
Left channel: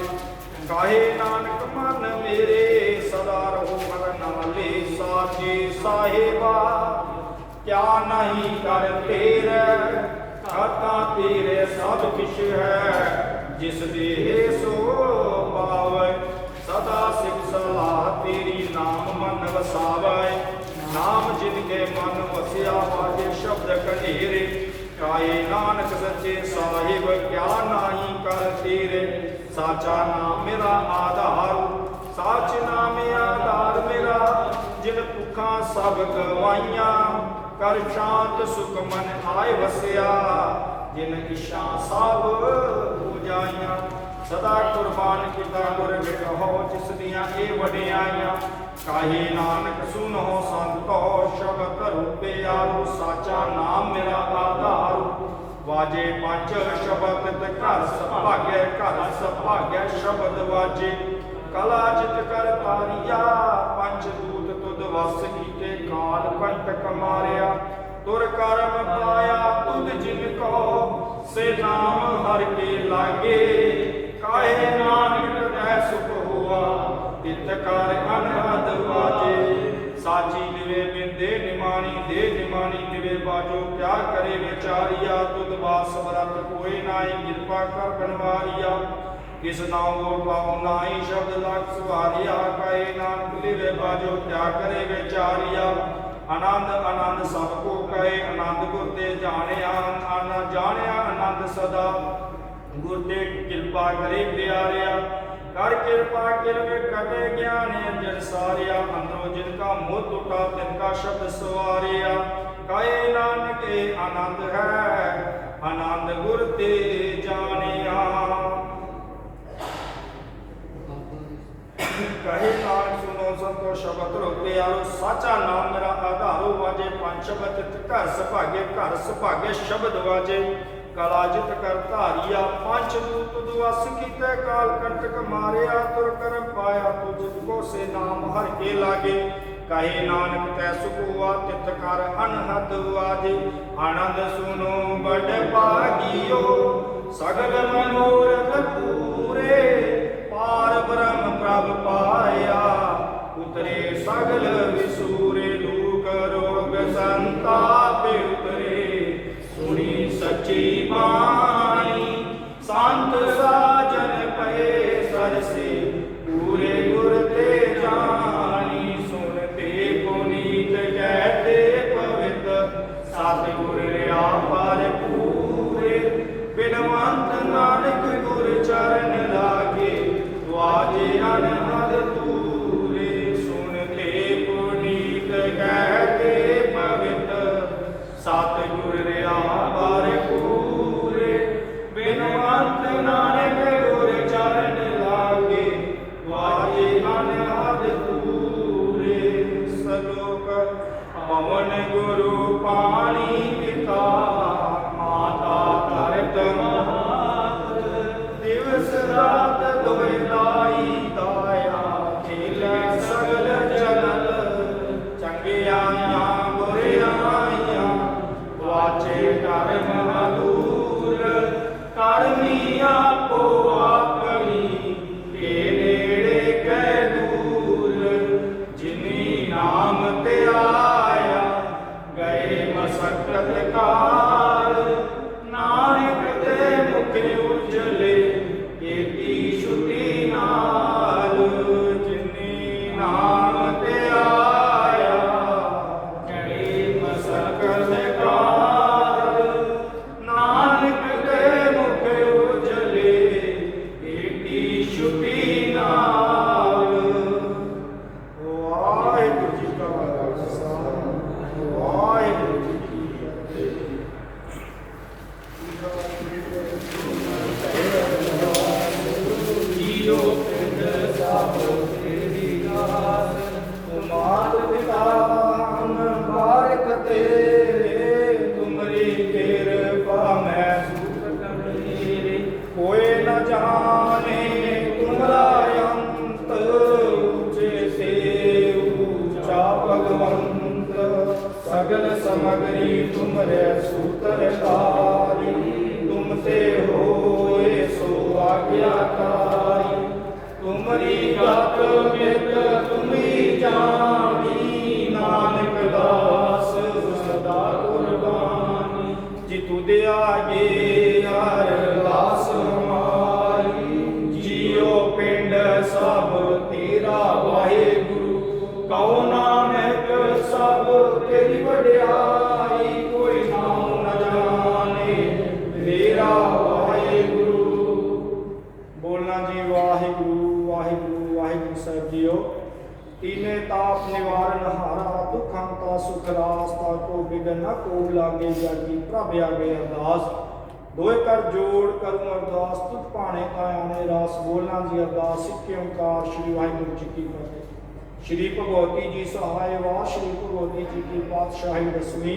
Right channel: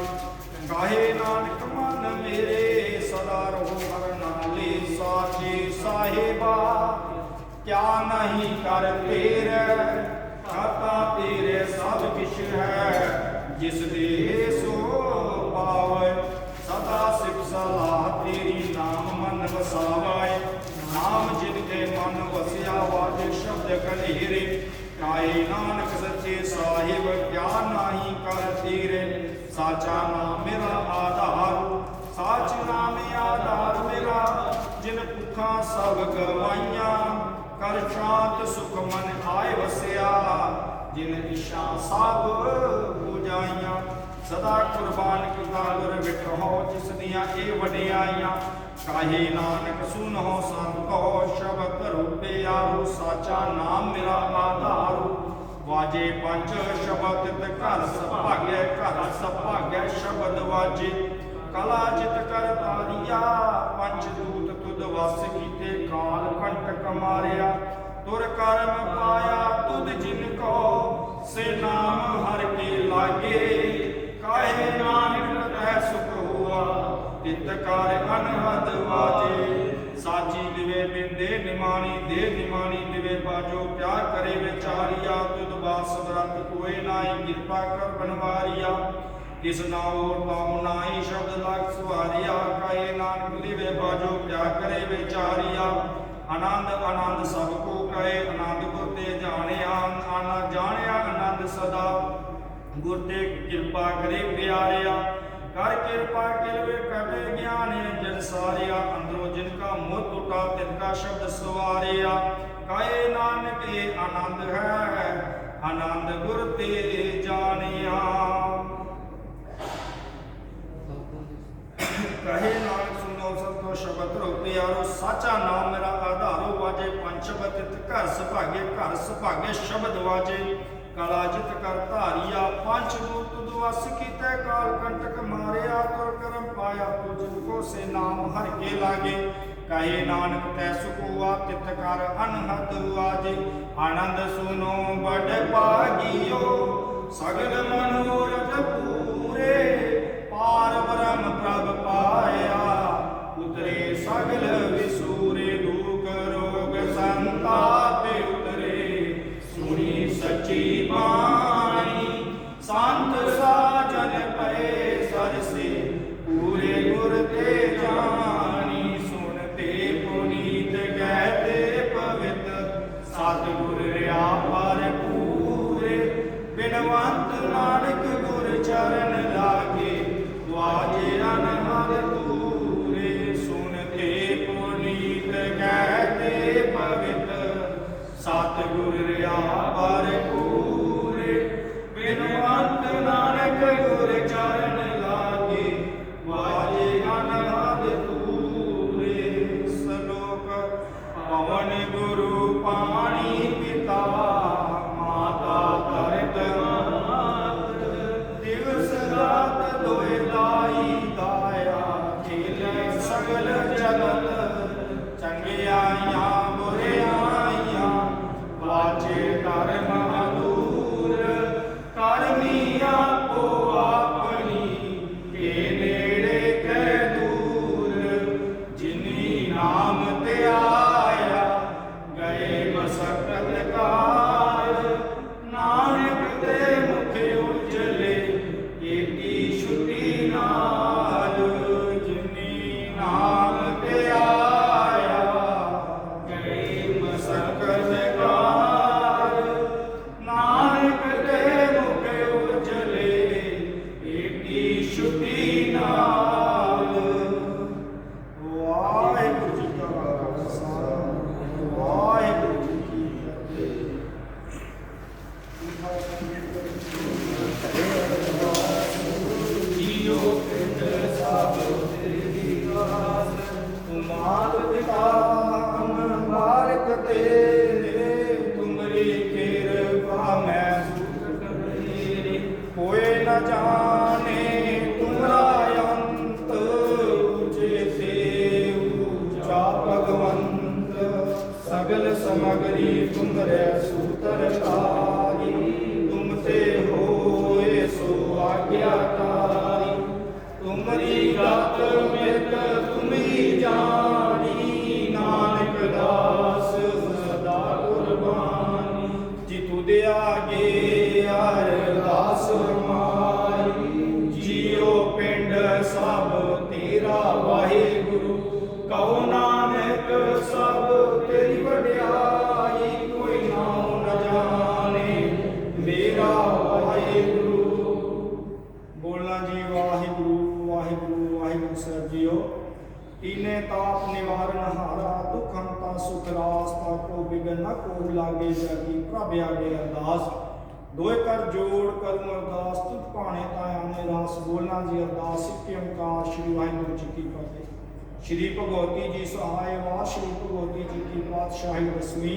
ਕਾਹੇ ਨਾਨਕ ਮਨ ਮੇਰੇ ਸਦਾ ਰਹੋ ਹਰ ਨਾਲੇ ਸਾਚੇ ਸਾਹਿਬਾ ਕਿਆ ਨਹੀਂ ਕਰ ਤੇਰੇ ਆਤਾ ਤੇਰੇ ਸਭ ਕਿਛ ਹੈ ਜਿਸ ਦੇ ਸੋ ਪਾਵੈ ਸਦਾ ਸਿਖ ਸਲਾਹ ਤੇਰੀ ਨਾਮ ਮਨ ਵਸਾਵੈ ਨਾਮ ਜਿਨ ਕੇ ਮਨ ਵਸਿਆ ਵਾਜੇ ਸ਼ਬਦ ਕਢੇਰੇ ਕਾਏ ਨਾਨਕ ਸੱਚੇ ਸਾਹਿਬ ਕਿਆ ਨਾਹੀ ਕਰ ਤੇਰੇ ਸਾਚਾ ਨਾਮ ਮੇਰਾ ਆਧਾਰ ਸਾਚ ਨਾਮ ਆਧਾਰ ਮੇਰਾ ਜਿਨ ਭੁੱਖਾਂ ਸਭ ਗਵਾਈਆਂ ਕਰ ਸ਼ਾਂਤ ਸੁਖ ਮਨ ਆਏ ਵਸਿਆ ਜਿਨ ਇਸ਼ਾ ਸਭ ਬੁਝਾਈਆਂ ਸਦਾ ਕੁਰਬਾਨ ਕੀਤਾ ਗੁਰ ਵਿਟਹੁ ਜਿਸ ਦੀਆਂ ਇਹ ਵਡਿਆਈਆਂ ਕਾਹੇ ਨਾਨਕ ਸੁਨੋ ਸੰਤੋ ਸ਼ਬਦ ਰੂਪੇ ਆਹੋ ਸਾਚਾ ਨਾਮ ਮੇਰਾ ਆਧਾਰ ਵਾਜੇ ਪੰਜ ਸ਼ਬਦ ਤੇ ਘਰ ਸੁਭਾਗੈ ਘਰ ਸੁਭਾਗੈ ਸ਼ਬਦ ਵਾਜੇ ਕਲਾ ਜਿਤ ਕਰ ਤਾਰੀਆ ਪੰਜ ਦੂਤ ਤੁਧ ਵਸ ਕੀਤੇ ਕਾਲ ਕੰਟਕ ਮਾਰਿਆ ਤੁਰ ਕਰਮ ਪਾਇਆ ਤੁਧ ਜਿਨ ਕੋ ਸੇ ਨਾਮ ਹਰ ਕੇ ਲਾਗੇ ਕਾਹੇ ਨਾਨਕ ਤੈ ਸੁਖ ਹੋਆ ਤਿਤ ਕਰ ਅਨਹਦ ਵਾਜੇ ਸਾਚੀ ਲਿਵੇ ਬਿੰਦੇ ਨਿਮਾਣੀ ਦੇ ਨਿਮਾਣੀ ਲਿਵੇ ਬਾਜੋ ਕਿਆ ਕਰੇ ਵਿਚਾਰੀਆ ਤੁਧ ਵਾਸ ਵਰਤ ਕੋਏ ਨਾਹੀ ਕਿਰਪਾ ਕਰ ਬਨਵਾਰੀਆ ਕਿਸ ਨਾਉ ਪਾਉ ਨਾਹੀ ਸ਼ਬਦ ਲਖ ਸੁਵਾਰਿਆ ਕਾਏ ਨਾਨਕ ਲਿਵੇ ਬਾਜੋ ਕਿਆ ਕਰੇ ਵਿਚਾਰੀਆ ਆਨੰਦ ਆਨੰਦ ਸਭ ਕੋ ਕਹੇ ਆਨੰਦ ਗੁਰ ਤੇ ਜਾਣਿਆ ਆਨੰਦ ਜਾਣਿਆ ਆਨੰਦ ਸਦਾ ਗੁਰ ਤੇ ਕਿਰਪਾ ਕਰੇ ਪਿਆਰਿਆ ਕਰ ਕਿਰਪਾ ਕਿਲਵੇ ਕਟੇ ਗਿਆਨ ਅੰਜਨ ਸਾਰਿਆ ਅੰਦਰੋਂ ਜਿਨ ਕਾ ਮੋਹ ਟੁਟਾ ਤਿਨ ਕਾ ਸ਼ਬਦ ਸਵਾਰਿਆ ਕਾਏ ਨਾਨਕ ਇਹ ਆਨੰਦ ਹੈ ਆਨੰਦ ਗੁਰ ਤੇ ਜਾਣਿਆ ਕਹੇ ਨਾਨਕ ਸੁਨੋ ਸੰਤੋ ਸ਼ਬਦ ਰੂਪੇ ਆਰੋ ਸਾਚਾ ਨਾਮ ਮੇਰਾ ਆਧਾਰੋ ਵਾਜੇ ਪੰਜ ਸ਼ਬਦ ਤਿਤ ਘਰ ਸੁਭਾਗੇ ਘਰ ਸੁਭਾਗੇ ਸ਼ਬਦ ਵਾਜੇ ਕਲਾ ਜਿਤ ਕਰ ਧਾਰੀਆ ਪੰਜ ਦੂਤ ਦੁਆਸ ਕੀਤੇ ਕਾਲ ਕੰਟਕ ਮਾਰਿਆ ਤੁਰ ਕਰਮ ਪਾਇਆ ਤੁ ਜਿਤ ਕੋ ਸੇ ਨਾਮ ਹਰ ਕੇ ਲਾਗੇ ਕਹੇ ਨਾਨਕ ਤੈ ਸੁਖਵਾ ਤਿਤ ਕਰ ਅਨਹਦ ਵਾਜੇ ਆਨੰਦ ਸੁਨੋ ਬੜ ਭਾਗਿਓ ਸਗਲ ਮਨੋਰਥ ਪੂਰੇ ਪਾਰ ਬ੍ਰਹਮ ਪ੍ਰਭ ਪਾਇਆ ਉਤਰੇ ਸਗਲ ਵਿਸੂਰੇ ਦੂਖ ਰੋ सतगुर रहा भरपूरे बिनवंत नानक गुर चरण लागे वाजे अनहद तूरे सुनते पुनीत कह के पवित सतगुर रहा भरपूरे बिनवंत नानक गुर चरण लागे वाजे अनहद तूरे सलोक पवन गुरु पानी पिता माता तरत मात दिवस रात दुए लाई दाया खेल सगल जगत चंगियाइयां बुरियाइयां वाचे धर्म दूर करनी आपो अपनी के नेड़े कै दूर जिनी नाम ते आया गए मसक्कत काल नानक ते मुख उजले एकी छुटी नाल जिनी नाम ते आया गए मसक्कत काल नानक ते मुख उजले एकी छुटी नाल वाहिगुरू जी का खालसा वाहिगुरू जी की फतेह जियो पिंड साबो तेरी दास तुमार पिता हम बारक तेरे तुमरी कृपा मैं सुख मेरे कोई न जाने तुमरा अंत ऊंचे से ऊंचा भगवंत सगल समग्री तुमरे सूत्रधारी तुमसे होए सो आज्ञाकारी तुमरी गत मित तुम्ही जानी नानक दास सदा कुर्बानी जितु दया गे अरदास हमारी जियो पिंड सब तेरा वाहिगुरु कहो नानक सब तेरी वड्याई कोई नाम न जाने मेरा वाहिगुरु बोलना जी वाहिगुरु वाहिगुरू वाहिगुरू साहब जीओ तीने ताप निवारण हारा दुख हंता सुख रास्ता को बिगन न को लागे जाती प्रभ आगे अरदास दोए कर जोड़ करूं अरदास तुझ पाने तायाने रास बोलना जी अरदास सिक्के ओंकार श्री वाहिगुरू जी की फतेह श्री भगवती जी सहाय वा श्री भगवती जी की पातशाही दसवीं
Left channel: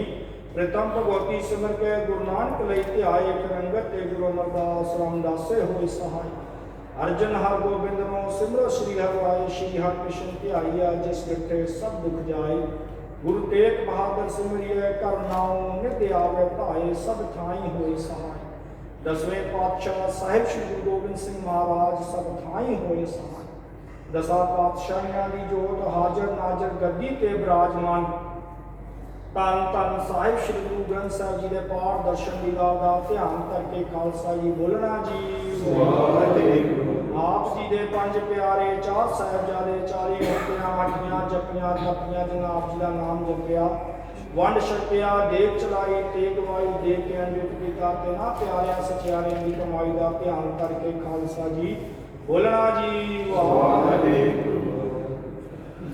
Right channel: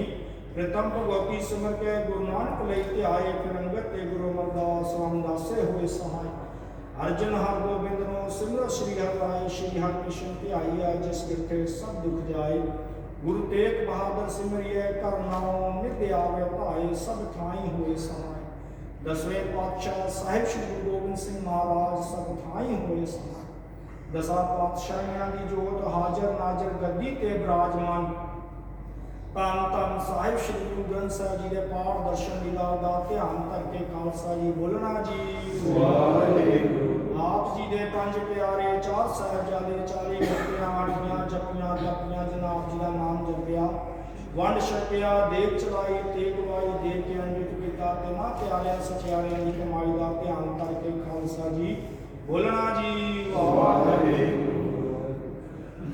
प्रथम भगवती सिमर के गुरु नानक लैते आए फिरंगत ते गुरु अमरदास रामदास से होए सहाय अर्जन हर गोबिंद नो सिमरो श्री हर आए श्री हर कृष्ण की आइया जिस गिरते सब दुख जाए गुरु तेग बहादुर सिमरिए कर नाम नित्य आवे भाए सब ठाई होए सहाय दसवें पातशाह साहिब श्री गुरु गोबिंद सिंह महाराज सब ठाई होए सहाय दसा पातशाहियां दी जोत हाजर नाजर गद्दी ते विराजमान तन तन साहिब श्री गुरु ग्रंथ साहिब जी के पाठ दर्शन लीला का ध्यान करके खालसा जी बोलना जी आप जी दे पंज प्यारे चार साहिबजादे चारे मुक्तियां आठियां जपियां तपियां जिन्हां आप जी का नाम जपिया वंड छकिया देख चलाई ते कमाई देख के अंजुट किया ते ना प्यारियां सचियारियां की कमाई का ध्यान करके खालसा जी बोलना जी वाहिगुरू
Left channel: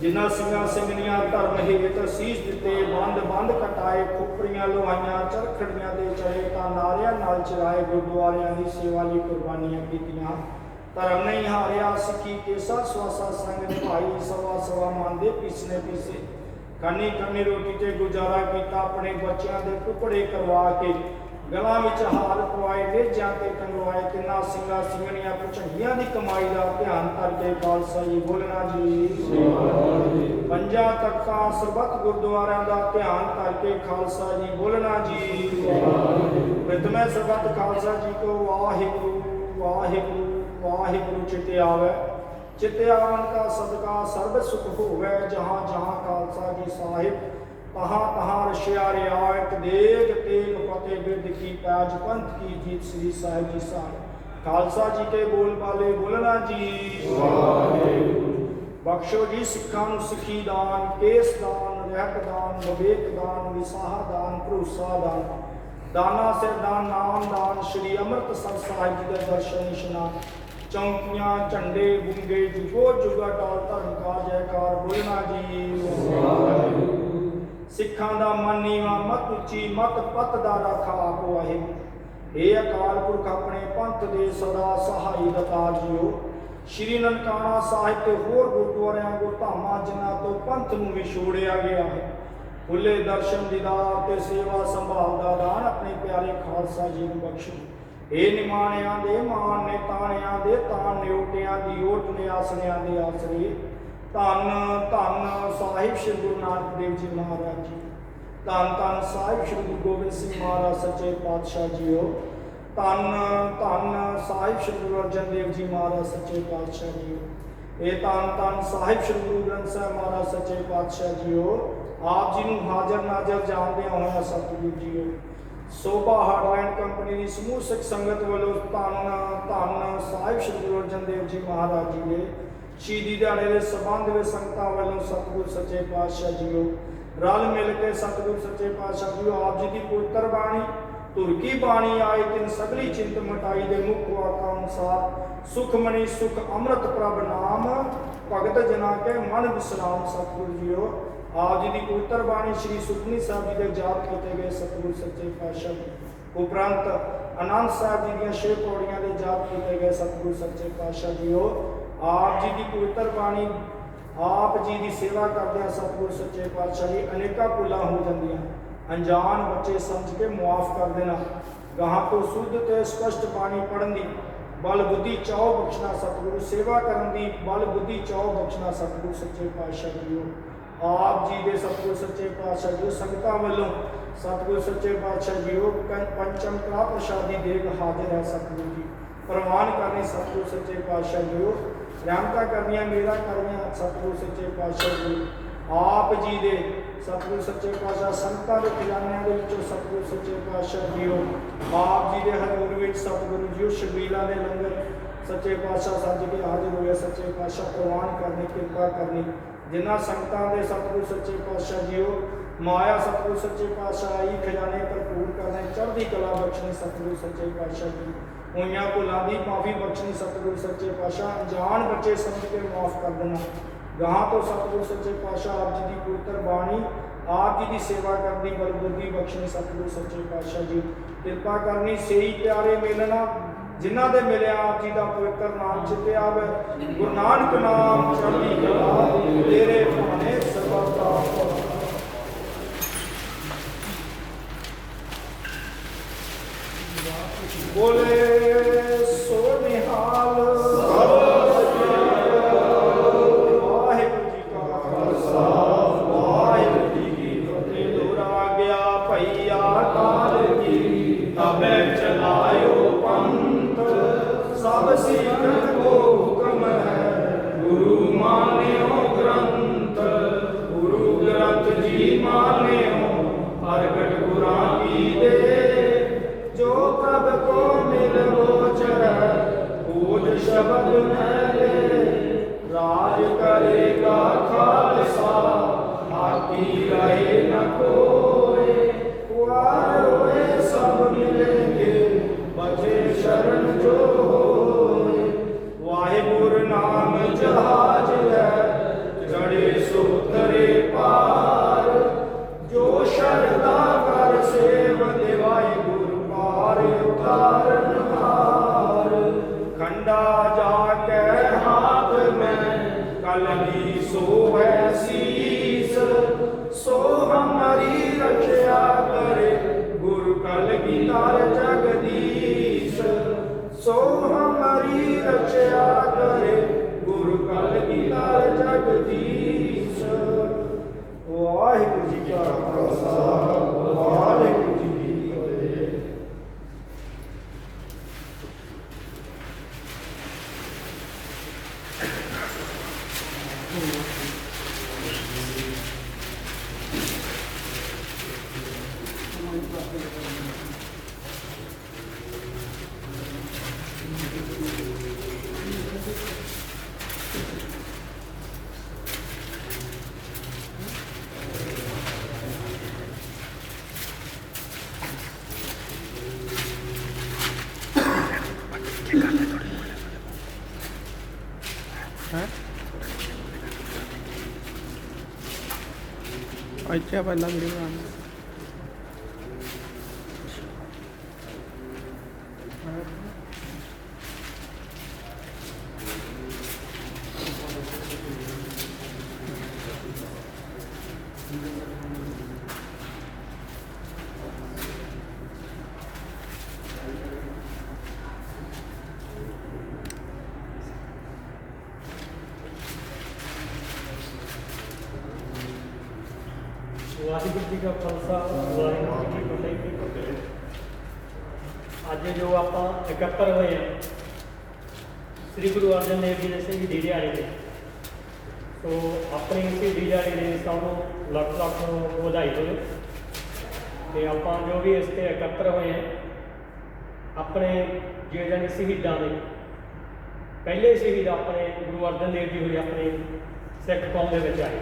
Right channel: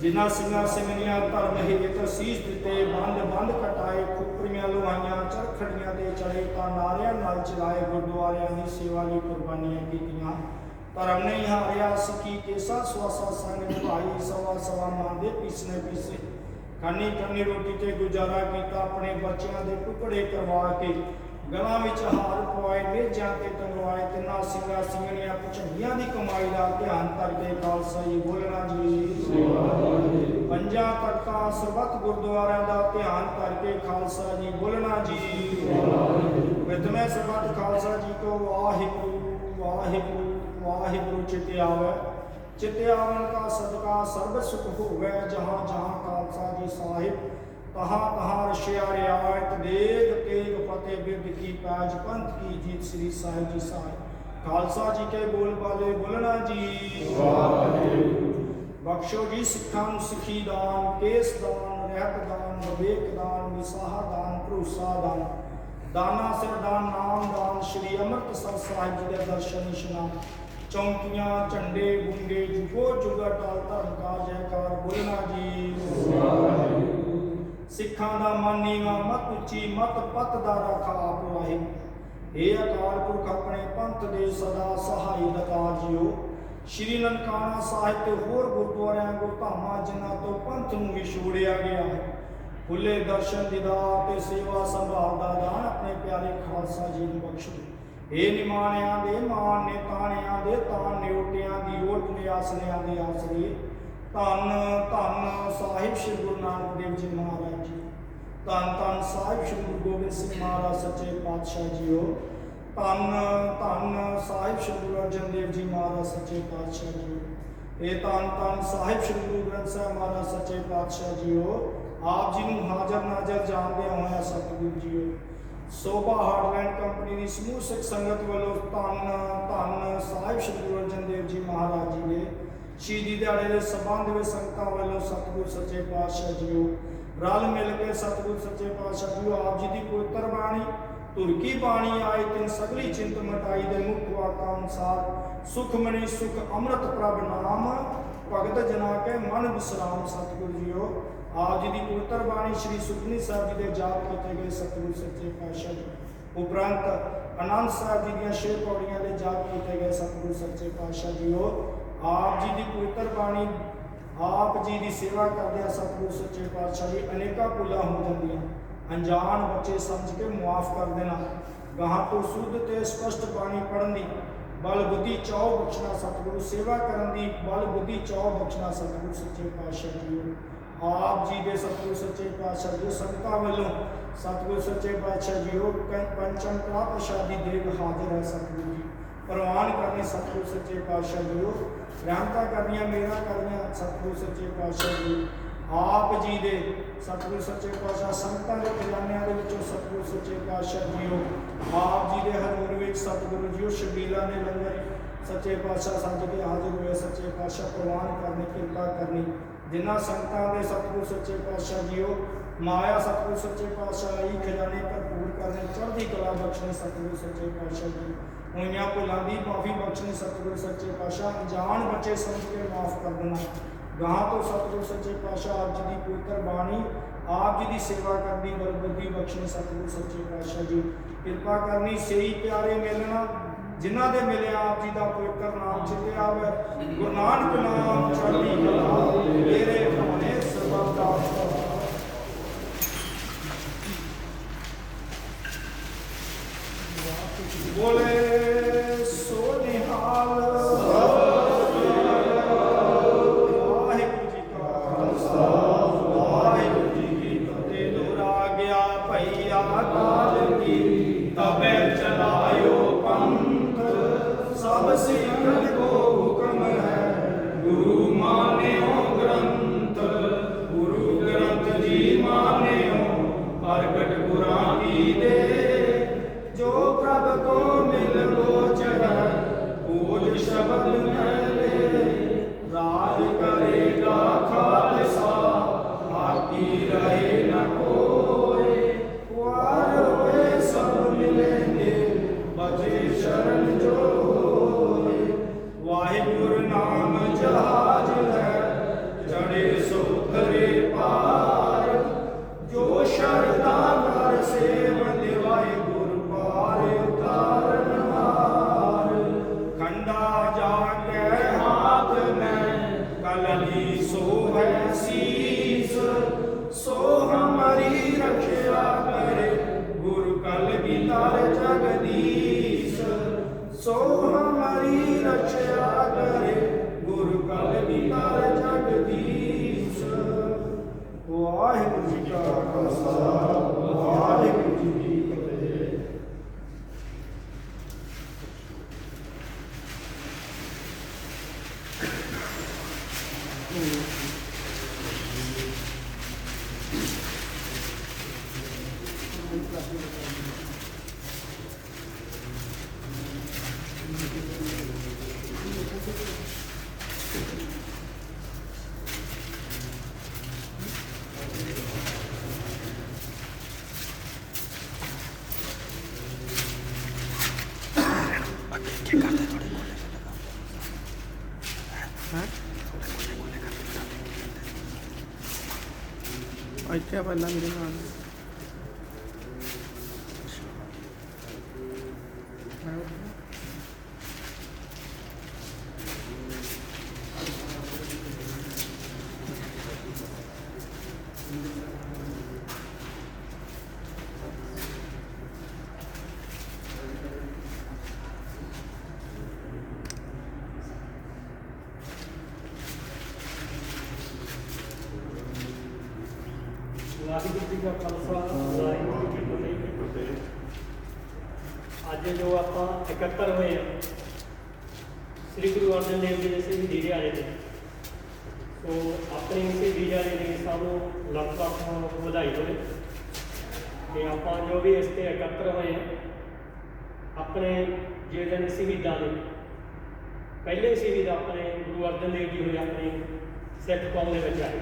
जिन्ना सिंगा सिंगनियां धर्म हेत सीस दिते बंद बंद कटाए खुपरियां लोहाइयां चरखड़ियां दे चढ़े तां नारियां नाल चलाए गुरुद्वारियां दी सेवा लई कुर्बानियां कीतियां धर्म नहीं हारिया सिक्खी केसा स्वासा संग निभाई सवा सवा मन दे पीसने पीसे खन्नी खन्नी रोटी ते गुजारा कीता अपने बच्चों दे टुकड़े करवा के गलां विच हार पवाए नेजां ते टंगवाए तिन्ना सिंगा सिंगनियां भुचंगियां दी कमाई दा ध्यान करके खालसा जी बोलना जी पंजा तख्तां सरबत गुरुद्वारियां दा ध्यान करके खालसा जी बोलना जी प्रथमे सरबत खालसा जी को वाहिगुरू वाहिगुरू वाहिगुरू चित आवे चित आवन का सदका सर्व सुख होवे जहाँ जहाँ खालसा जी साहिब तहाँ तहाँ रशिया रियायत देग तेग फतेह बिरद की पैज पंथ की जीत श्री साहिब जी साहिब खालसा जी के बोल पाले बोलना जी बख्शो जी सिखां सिखी दान केस दान रहत दान, विवेक दान, विसाह दान, भरोसा दान, दाना सिर दान, नाम दान, श्री अमृतसर साहिब जी का दर्शन इशनान, चौंकियां झंडे गुंगे जुगो जुगा टाल धर्म का जयकार बोलना जी। सिखां दा मन नीवा मत उच्ची मत पत दा रखा आप वाहे। हे अकाल पुरख अपने पंथ दे सदा सहाई दता जियो। श्री ननकाना साहिब ते होर गुरुद्वारियां गुरधामां जिन्हां तो पंथ नूं विछोड़िया गया है, खुले दर्शन दीदार ते सेवा संभाल दा दान अपने प्यारे खालसा जी नूं बख्शो। हे निमाणियां दे मान ने ताणियां दे तान ने ओटियां दी ओट ने आसनियां दे आसरे। धन धन साहिब श्री गुरु नानक देव जी महाराज जी, धन धन साहिब श्री गुरु गोबिंद सिंह महाराज सच्चे पातशाह जीओ, धन धन साहिब श्री गुरु अर्जन देव जी महाराज सच्चे पातशाह जीओ, ये धन धन साहिब श्री गुरु ग्रंथ साहिब महाराज सच्चे पातशाह जीओ। आप जी नूं हाजर नाजर जानदे होया सतगुरु जीओ। शोभा हार्डलैंड कंपनी की समूह सिख संगत वालों धन धन साहिब श्री गुरु अर्जन देव जी महाराज जी के शहीदी दिहाड़े के संबंध में संगतां वालों सतगुरु सच्चे पातशाह जीओ रल मिल के सतगुरु सच्चे पातशाह जीओ आप जी की पवित्र बाणी तुर की बाणी आई तिन सगली चिंत मटाई दे मुख वाका अनुसार सुख मनी सुख अमृत प्रभ नाम भगत जना के मन विश्राम सतगुरु जीओ। आप जी की पवित्र बाणी श्री सुखमनी साहब जी के जाप किए गए सतगुरु सच्चे पातशाह उपरंत आनंद साहब जी दी 6 पौड़ियां के जाप किए गए सतगुरु सच्चे पातशाह जीओ। आप जी की पवित्र बाणी आप जी की सेवा करदे सतगुरु सच्चे पातशाह जी अनेका भुलां हो जांदियां, अनजान बच्चे समझ के मुआफ कर देना, गाहां तो शुद्ध ते स्पष्ट बाणी पढ़न दी बल बुद्धि चाओ बख्शना सतगुरु, सेवा करन दी बल बुद्धि चाओ बख्शना सतगुरु सच्चे पातशाह जीओ। आप जी के सतगुरु सच्चे पातशाह जीओ संगतां वालों सतगुरु सच्चे पातशाह जीओ पंचम का प्रसादी देव हाजिर है सतगुरु जी प्रवान करने सतगुरु सच्चे पातशाह जीओ। रहमतां करनियां मेरा करनियां सतगुरु सच्चे पातशाह जी आप जी दे सतगुरु सच्चे पातशाह संगतां दे खजानियां दे विचों सतगुरु सच्चे पातशाह जीओ। आप जी दे हजूर विच सतगुरु जीओ शबीला दे लंगर सच्चे पातशाह सज के हाजिर होए सच्चे पातशाह प्रवान करनी कृपा करनी जिन्हां संगतां दे सतगुरु सच्चे पातशाह जीओ माया सतगुरु सच्चे पातशाह आई खजाने भरपूर करने चढ़दी कला बख्शनी सतगुरु सच्चे पातशाह जी होइयां भुलां दी माफ़ी बख्शनी सतगुरु सच्चे पातशाह अनजान बच्चे समझ के माफ़ कर देना गाहां तो सतगुरु सच्चे पातशाह आप जी की पवित्र बाणी आप जी की सेवा करनी बल बुद्धि बख्शनी सतगुरु सच्चे पातशाह जी कृपा करनी सही प्यारे मिलना जिन्हां दे मिलिया आप जी का पवित्र नाम चिते आवे गुरु नानक नाम चढ़दी कला तेरे भाने सदा दा बोले सो निहाल वाहिगुरू जी का खालसा वाहिगुरू जी की फतेह। दोहरा गया भैया काल की तबे चलायो पंथ सब सिखन को हुक्म है गुरु मान्यो ग्रंथ गुरु ग्रंथ जी मान्यो प्रगट गुरां की दे जो प्रभ को मिल गोचर पूज शब्द मैले राज करेगा खालसा आती रहे न कोई वार रोए सब मिलेंगे बचे शरण जो होए। वाहिगुरु नाम जहाज है चढ़े सो तरे पार जो शरदा कर सेव दे वाहिगुरु उतारन हार खंडा जाके हाथ में कलगी सो है शीस सो हमारी रक्षा करे गुरु कलगी तार जगदीश सो हमारी रक्षा करे गुरु कलगी तार जगदीश। वाहिगुरू जी का खालसा वाहिगुरू जी की फतेह। ਇੱਥੇ ਪਹਿਲਾਂ ਵੀਡੀਓ ਬਣਾਉਣੀ ਵਾਹਿਗੁਰੂ ਜੀ ਕਾ ਖਾਲਸਾ ਵਾਹਿਗੁਰੂ ਜੀ ਕੀ ਫਤਿਹ। ਅੱਜ ਜੋ ਆਪਾਂ ਇਕੱਤਰ ਹੋਏ ਹਾਂ ਸ੍ਰੀ ਗੁਰੂ ਅਰਜਨ ਦੇਵ ਜੀ ਦੇ ਸ਼ਹੀਦੀ ਦਿਹਾੜੇ ਤੇ, ਸੋ ਆਪਣੀ ਸ਼ਹੀਦੀ ਦਿਹਾੜੇ ਦੇ ਸਭ ਨੂੰ ਲੱਖ ਲੱਖ ਵਧਾਈ ਹੋਵੇ। ਤੇ ਆਪਾਂ ਜੋ ਵੀ ਇਸ ਤੇ ਇਕੱਤਰ ਹੋਏ ਹਾਂ ਆਪਣੇ ਜਿਹੜੇ ਸ਼ਹੀਦਾਂ ਦੇ ਪਹਿਲੇ ਸ਼ਹੀਦ ਆਪਣੇ ਗੁਰੂ ਅਰਜਨ ਦੇਵ ਜੀ ਹੋਏ ਆਪਣੇ ਸਿੱਖ ਕੌਮ ਦੇ ਵਿੱਚ ਆਏ।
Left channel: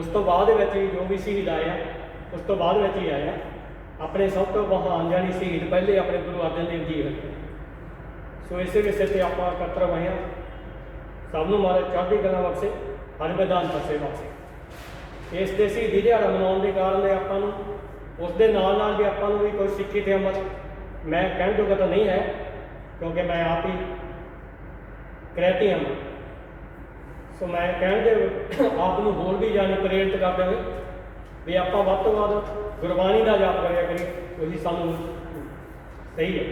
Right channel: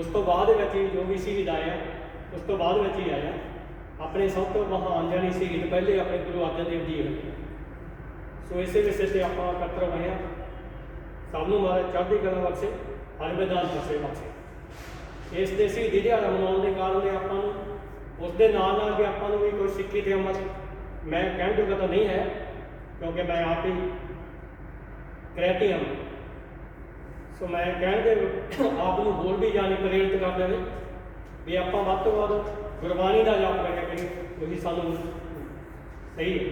ਉਸ ਤੋਂ ਬਾਅਦ ਵਿੱਚ ਹੀ ਜੋ ਵੀ ਸ਼ਹੀਦ ਆਇਆ ਉਸ ਤੋਂ ਬਾਅਦ ਵਿੱਚ ਹੀ ਆਇਆ ਆਪਣੇ ਸਭ ਤੋਂ ਮਹਾਨ ਜਾਨੀ ਸ਼ਹੀਦ ਪਹਿਲੇ ਆਪਣੇ ਗੁਰੂ ਅਰਜਨ ਦੇਵ ਜੀ ਹੋਏ। ਸੋ ਇਸੇ ਵਿਸ਼ੇ ਤੇ ਆਪਾਂ ਇਕੱਤਰ ਹੋਏ ਹਾਂ। ਸਭ ਨੂੰ ਮਾਰੇ ਚੜ੍ਹਦੀ ਕਲਾ ਬਖਸ਼ੇ, ਹਰ ਮੈਦਾਨ ਫਸੇ ਬਖਸ਼ੇ। ਇਸ ਦੇ ਸ਼ਹੀਦੀ ਦਿਹਾੜਾ ਮਨਾਉਣ ਦੇ ਕਾਰਨ ਆਪਾਂ ਨੂੰ ਉਸ ਦੇ ਨਾਲ ਨਾਲ ਵੀ ਆਪਾਂ ਨੂੰ ਵੀ ਕੋਈ ਸਿੱਖੀ ਤੇ ਅਮਲ ਮੈਂ ਕਹਿਣ ਜੋਗਾ ਤਾਂ ਨਹੀਂ ਹੈ, ਕਿਉਂਕਿ ਮੈਂ ਆਪ ਹੀ ਕ੍ਰਿਆਤੀ ਹਾਂ। ਸੋ ਮੈਂ ਕਹਿਣ ਦੇ ਆਪ ਨੂੰ ਹੋਰ ਵੀ ਜਾਣੇ ਪ੍ਰੇਰਿਤ ਕਰ ਦੇਵੇ ਵੀ ਆਪਾਂ ਵੱਧ ਤੋਂ ਵੱਧ ਗੁਰਬਾਣੀ ਦਾ ਜਾਪ ਕਰਿਆ ਕਰੀਏ, ਉਹੀ ਸਾਨੂੰ ਸਹੀ ਹੈ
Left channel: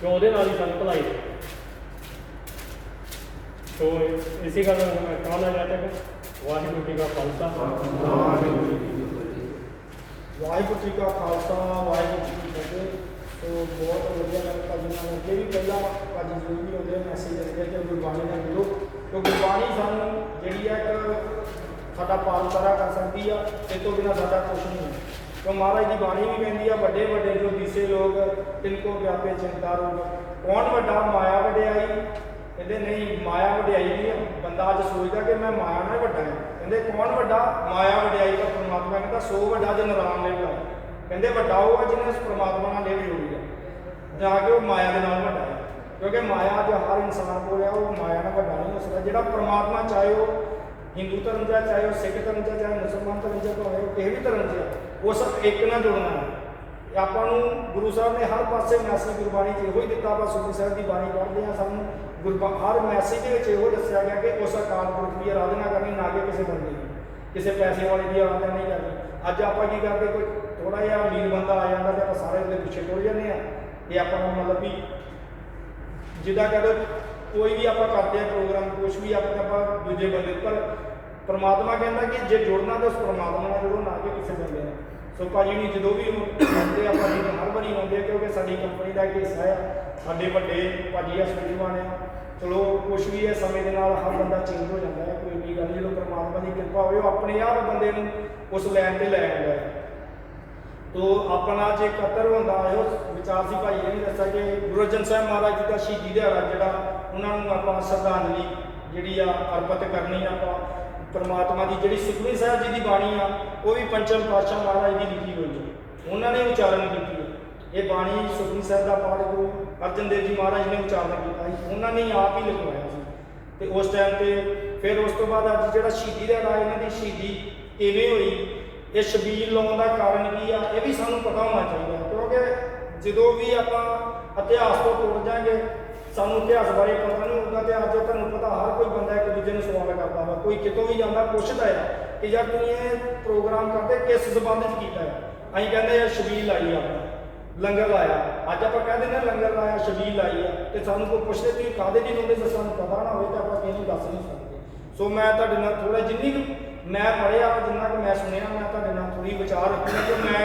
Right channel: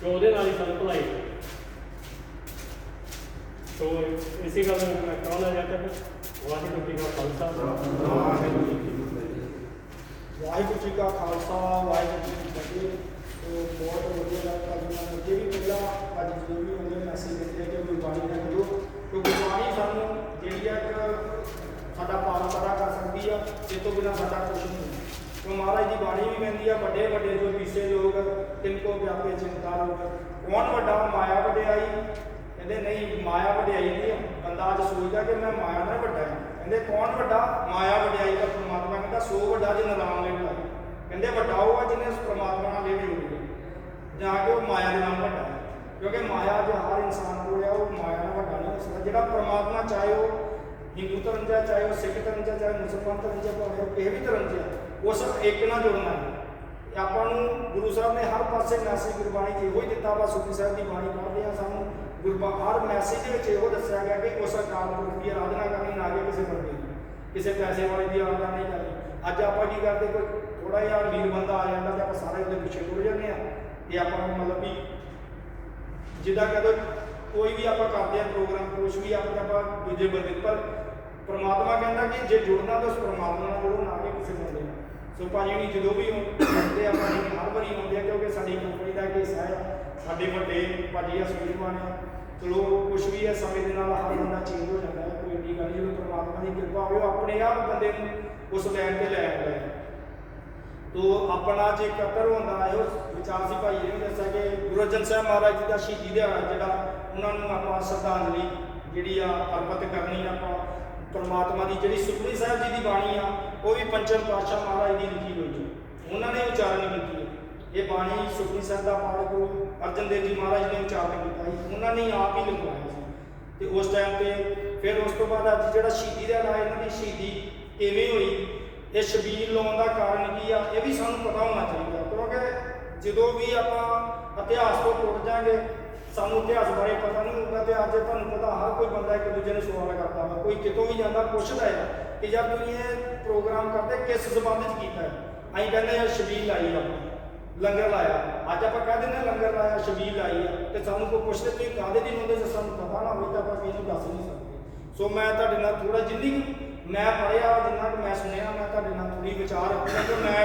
ਕਿ ਉਹਦੇ ਨਾਲ ਹੀ ਸਾਨੂੰ ਭਲਾਈ ਹੈ। ਸੋ ਇਸੇ ਗੱਲ ਨੂੰ ਮੈਂ ਕਹਿਣਾ ਚਾਹਤਾ ਹਾਂ ਵਾਹਿਗੁਰੂ ਜੀ ਕਾ ਖਾਲਸਾ ਵਾਹਿਗੁਰੂ ਜੀ ਕਾ ਖਾਲਸਾ ਵਾਹਿਗੁਰੂ ਜੀ ਕੀ ਫਤਿਹ। ਸੋ ਬਹੁਤ ਵਧੀਆ ਲੱਗਦਾ ਜੀ। ਮੈਂ ਅੱਗੇ ਵੀ ਪਹਿਲਾਂ ਅੱਜ ਜੋ ਵੀ ਹੁੰਦੇ ਮੈਸੇਜ ਦਿੱਤੇ ਕਿ ਗੁਰਬਾਣੀ ਨਾਲ ਜੁੜੋ, ਕਿ ਗੁਰਬਾਣੀ ਸਾਨੂੰ ਜਿਹੜੀ ਆ ਇੱਕ ਸਾਡਾ ਪਾਲਤਾਰਾ ਕਰ ਸਕਦੀ ਆ, ਇਸ ਤੋਂ ਬਿਨਾਂ ਸਾਡਾ ਕੁਛ ਨਹੀਂ। ਕਿਉਂ ਮਹਾਰਾਜ ਦੀ ਬਾਣੀ ਵੀ ਕਹਿੰਦੀ ਆ ਵੱਡੇ ਵੱਡੇ ਜੋ ਦਿਸੇ ਲੋਕ ਤਿਨਕੋ ਵਿਆਪੇ ਚਿੰਤਾ ਰੋਗ। ਕੌਣ ਵੱਡਾ ਮਾਇਆ ਵਡਿਆਈ? ਕਹਿੰਦੇ ਨਹੀਂ, ਮਾਇਆ ਵਡਿਆਈ ਨਹੀਂ। ਬੰਦਾ ਅੱਜ ਸੋਚਦਾ ਕਿ ਮੈਂ ਮਾਇਆ ਨਾਲ ਵੱਡਾ ਹਾਂ। ਕਹਿੰਦੇ ਕੌਣ ਵੱਡਾ? ਮਾਇਆ ਵਡਿਆਈ ਤਾਂ ਪਰਮਾਤਮਾ ਕਹਿੰਦਾ ਸੋ ਵੱਡਾ ਜਿਨ ਰਾਮ ਨੇ ਬਣਾਇਆ। ਕਹਿੰਦੇ ਵੱਡਾ ਉਹ ਆ ਜਿਹਨੇ ਉਸ ਪਰਮਾਤਮਾ ਨਾਲ ਲੇਵ ਜੋੜੀ ਆ, ਜਾ ਕੇ ਉਹ ਮਾਇਆ ਦੇ ਨਾਲ ਵੱਡਾ ਹੈ। ਕਿਉਂਕਿ ਮਾਇਆ ਜੋ ਹਰ ਇਨਸਾਨ ਕੋਲ ਆ ਉਹ ਮਾਇਆ ਨਾਲ ਵੱਡਾ ਨਹੀਂ ਹੋ ਸਕਦਾ। ਜਿਹੜਾ ਪਰਮਾਤਮਾ ਚਾਹੇ ਉਹ ਹਿੰਦੂ ਧਰਮ ਦਾ, ਚਾਹੇ ਉਹ ਸਿੱਖ ਧਰਮ ਦਾ, ਚਾਹੇ ਮੁਸਲਮਾਨ ਧਰਮ ਦਾ, ਚਾਹੇ ਕਿਸੇ ਵੀ ਧਰਮ ਦਾ, ਉਹ ਸਭ ਇੱਕ ਨਾਲ ਜੁੜਨਾ ਹੈ। ਆਪਾਂ ਨੂੰ ਗੁਰੂ ਸਾਹਿਬ ਨੇ ਹਰ ਪਾਸੇ ਮੈਸੇਜ ਗੁਰਬਾਣੀ 'ਚ ਇਹੋ ਹੀ ਦਿੱਤਾ। ਆਪਾਂ ਸੁਖੀ ਸਾਹਿਬ ਦੀ ਬਾਣੀ ਪੜ੍ਹਦੇ ਹਾਂ, ਸਾਨੂੰ ਹਰ ਮੈਸੇਜ ਦੇ ਵਿੱਚ ਇਹੋ ਦੱਸਿਆ ਗਿਆ ਕਿ ਉਸ ਅਕਾਲ ਪੁਰਖ ਦੀ ਆਰਾਧਨਾ ਕਰਨੀ, ਨਾ ਕਿ ਕਿਸੇ ਬੰਦੇ ਦੀ, ਕਿਸੇ ਪੈਸੇ ਵਾਲੇ ਦੀ ਆਰਾਧਨਾ ਨਹੀਂ ਕਰਨੀ। ਅੱਜ ਆਪਾਂ ਕੀ ਕਰਦੇ, ਕੋਈ ਥੋੜਾ ਜਿਹਾ ਅਮੀਰ ਬੰਦਾ ਆ ਜਾਂਦਾ ਤੇ ਆਪਾਂ ਸਾਰੇ ਦੇ ਪਿੱਛੇ ਤੁਰ ਜਾਂਦੇ ਹਾਂ ਤੇ ਆਪਾਂ ਨੂੰ ਮਤਲਬ ਵੀ ਜਿੱਦਾਂ ਕਹਿੰਦੇ ਕੋਈ ਵੀ ਆਪਾਂ ਕਰਦੇ ਹਾਂ ਪ੍ਰੋਗਰਾਮ, ਕੁਛ ਵੀ ਆਪਾਂ ਦੂਜੇ ਬੰਦੇ। ਪਰ ਪਰਮਾਤਮਾ ਕਹਿੰਦਾ ਕਿ ਜੇ ਜੁੜਨਾ ਤਾਂ ਉਸ ਪਰਮਾਤਮਾ ਨਾਲ ਜੁੜੋ, ਨਾ ਕਿ ਕਿਸੇ ਬੰਦੇ ਨਾਲ। ਸੋ ਭਾਜੀ ਨਹੀਂ ਜਦੋਂ ਵੀ ਆਉਂਦੇ ਆਪਾਂ ਜੀ ਹਰ ਵਾਰੀ ਆਉਂਦੇ, ਕਿਉਂਕਿ ਸਾਡੀ ਕੰਪਨੀ ਦਾ ਇੱਕ ਹਿੱਸਾ ਆ, ਸਾਡੇ ਵੱਡੇ ਭਾਜੀ ਆ ਸੂਝਵਾਨ ਆ। ਚਲੋ ਕੁਛ ਵੀ ਹੈ, ਸਮੇਂ ਦੇ ਨਾਲ ਹਰ ਬੰਦਾ ਚੇਂਜ ਹੋ ਜਾਂਦਾ ਹੈ, ਕੋਈ ਇੰਨੀ ਗੱਲ ਨਹੀਂ। ਜਦੋਂ ਪਰਮਾਤਮਾ ਦੀ ਕਿਰਪਾ ਹੋਵੇ ਉਹ ਆਪਣੇ ਆਪ ਬੰਦੇ ਨੂੰ ਉਸ ਲਾਈਨ ਤੇ ਲੈ ਆਉਂਦਾ ਹੈ। ਤੋ ਆਪਣਾ ਜੇ ਇਕੱਤਰ ਹੁੰਦਾ ਹੈ ਉਹ ਵਿਚਾਰ ਸੀ ਭਾਈ ਨੇ ਦੱਸਿਆ ਕਿ ਗੁਰੂ ਅਰਜਨ ਸਾਹਿਬ ਮਹਾਰਾਜ ਜੀ ਦਾ ਸ਼ਹੀਦੀ ਦਿਹਾੜਾ ਜਿਹੜਾ ਉਹਨਾਂ ਨੂੰ ਆਪਾਂ ਸ਼ਰਧਾਂਜਲੀ ਜਿਹੜੀ ਆ ਅਰਪਿਤ ਕਰਨੀ ਆਪਾਂ। ਪਰਮਾਤਮਾ ਦੀ ਜਿਹੜੀ ਸੁਖਮਨੀ ਸਾਹਿਬ ਜੀ ਦੀ ਬਾਣੀ ਆ ਉਹ ਵੀ ਪੰਚਮ ਪਾਤਸ਼ਾਹ ਮਹਾਰਾਜ ਦੀ ਲਿਖੀ ਹੋਈ ਹੈ, ਉਹਨਾਂ ਨੇ ਉਚਾਰਨ ਕੀਤੀ ਹੈ। ਇਹ ਬਾਣੀ ਸੁਖਮਨੀ ਸਾਹਿਬ ਦਾ ਪਾਠ ਗੁਰੂ ਅਰਜਨ ਦੇਵ ਜੀ ਮਹਾਰਾਜ ਨੇ ਉਚਾਰਨ ਕੀਤਾ ਸੀ, ਉਹਨਾਂ ਨੇ ਆਪ ਹੀ ਲਿਖਵਾਇਆ ਸੀ। ਤੇ ਉਸ ਟਾਈਮ ਤੇ ਫਿਰ ਉਸ ਤੋਂ ਬਾਅਦ ਅੱਜ ਜਿਹੜਾ ਸ਼ਹੀਦੀ ਦਿਹਾੜਾ ਇਹਨਾਂ ਦੀ ਸ਼ਹੀਦੀ ਕਿਵੇਂ ਹੋਈ, ਇਹ ਛਬੀਲ ਲਾਉਣ ਦਾ ਕਾਰਨ ਕੀ ਆ, ਇਹ ਵੀ ਸਾਨੂੰ ਪਤਾ ਹੋਣਾ ਚਾਹੀਦਾ। ਕਿਉਂਕਿ ਜਦੋਂ ਵੀ ਆਪਾਂ ਇਤਿਹਾਸ ਤੋਂ ਟੁੱਟ ਜਾਵਾਂਗੇ, ਸਾਨੂੰ ਇਤਿਹਾਸ ਬਾਰੇ ਪਤਾ ਨਹੀਂ ਹੋਊਗਾ। ਤੇ ਅੱਜ ਤੁਹਾਨੂੰ ਪਤਾ ਹਰ ਕੋਈ ਬੰਦਾ ਇੱਕ ਦੂਜੇ ਨੂੰ ਸਵਾਲ ਕਰਦਾ ਵਾ, ਕੋਈ ਕਿਤੋਂ ਵੀ ਜਾਂਦਾ ਪੁੱਛਦਾ ਹੈ ਕਿ ਜਾਂ ਤੁਸੀਂ ਇਹ ਪ੍ਰੋਗਰਾਮ ਕਰਦੇ ਕਿਸ ਸੰਬੰਧ 'ਚ ਕੀਤਾ ਹੈ। ਅਸੀਂ ਕਹਿੰਦੇ ਆ ਛਬੀਲ ਲਾਈ, ਆਪਾਂ ਲੰਗਰ ਲਾਇਆ। ਅੱਜ ਆਪਾਂ ਕਹਿ ਦਿੰਦੇ ਹਾਂ ਲੰਗਰ ਲਾਇਆ, ਛਬੀਲ ਲਾਈ ਆ, ਤੇ ਸਾਨੂੰ ਕੋਈ ਪੁੱਛਦੇ ਤੁਸੀਂ ਕਾਹਦੇ ਦੀ ਲਾਉਂਦੇ, ਜੇ ਸਾਨੂੰ ਪਤਾ ਨਾ ਹੋਵੇ ਤਾਂ ਆਪਾਂ ਕਿਸੇ ਨੂੰ ਦੱਸ ਨਹੀਂ ਸਕਦੇ। ਸੋ ਮੈਂ ਤੁਹਾਡੇ ਨਾਲ ਥੋੜਾ ਜਿੰਨੀ ਕੁ ਮੈਂ ਪੜ੍ਹਿਆ, ਜਿੰਨਾ ਕੁ ਮੈਂ ਸੁਣਿਆ, ਮੈਂ ਤੁਹਾਡੇ ਨਾਲ ਥੋੜੀ ਵਿਚਾਰ ਰੱਖੂੰਗਾ। ਕਿ ਮੈਂ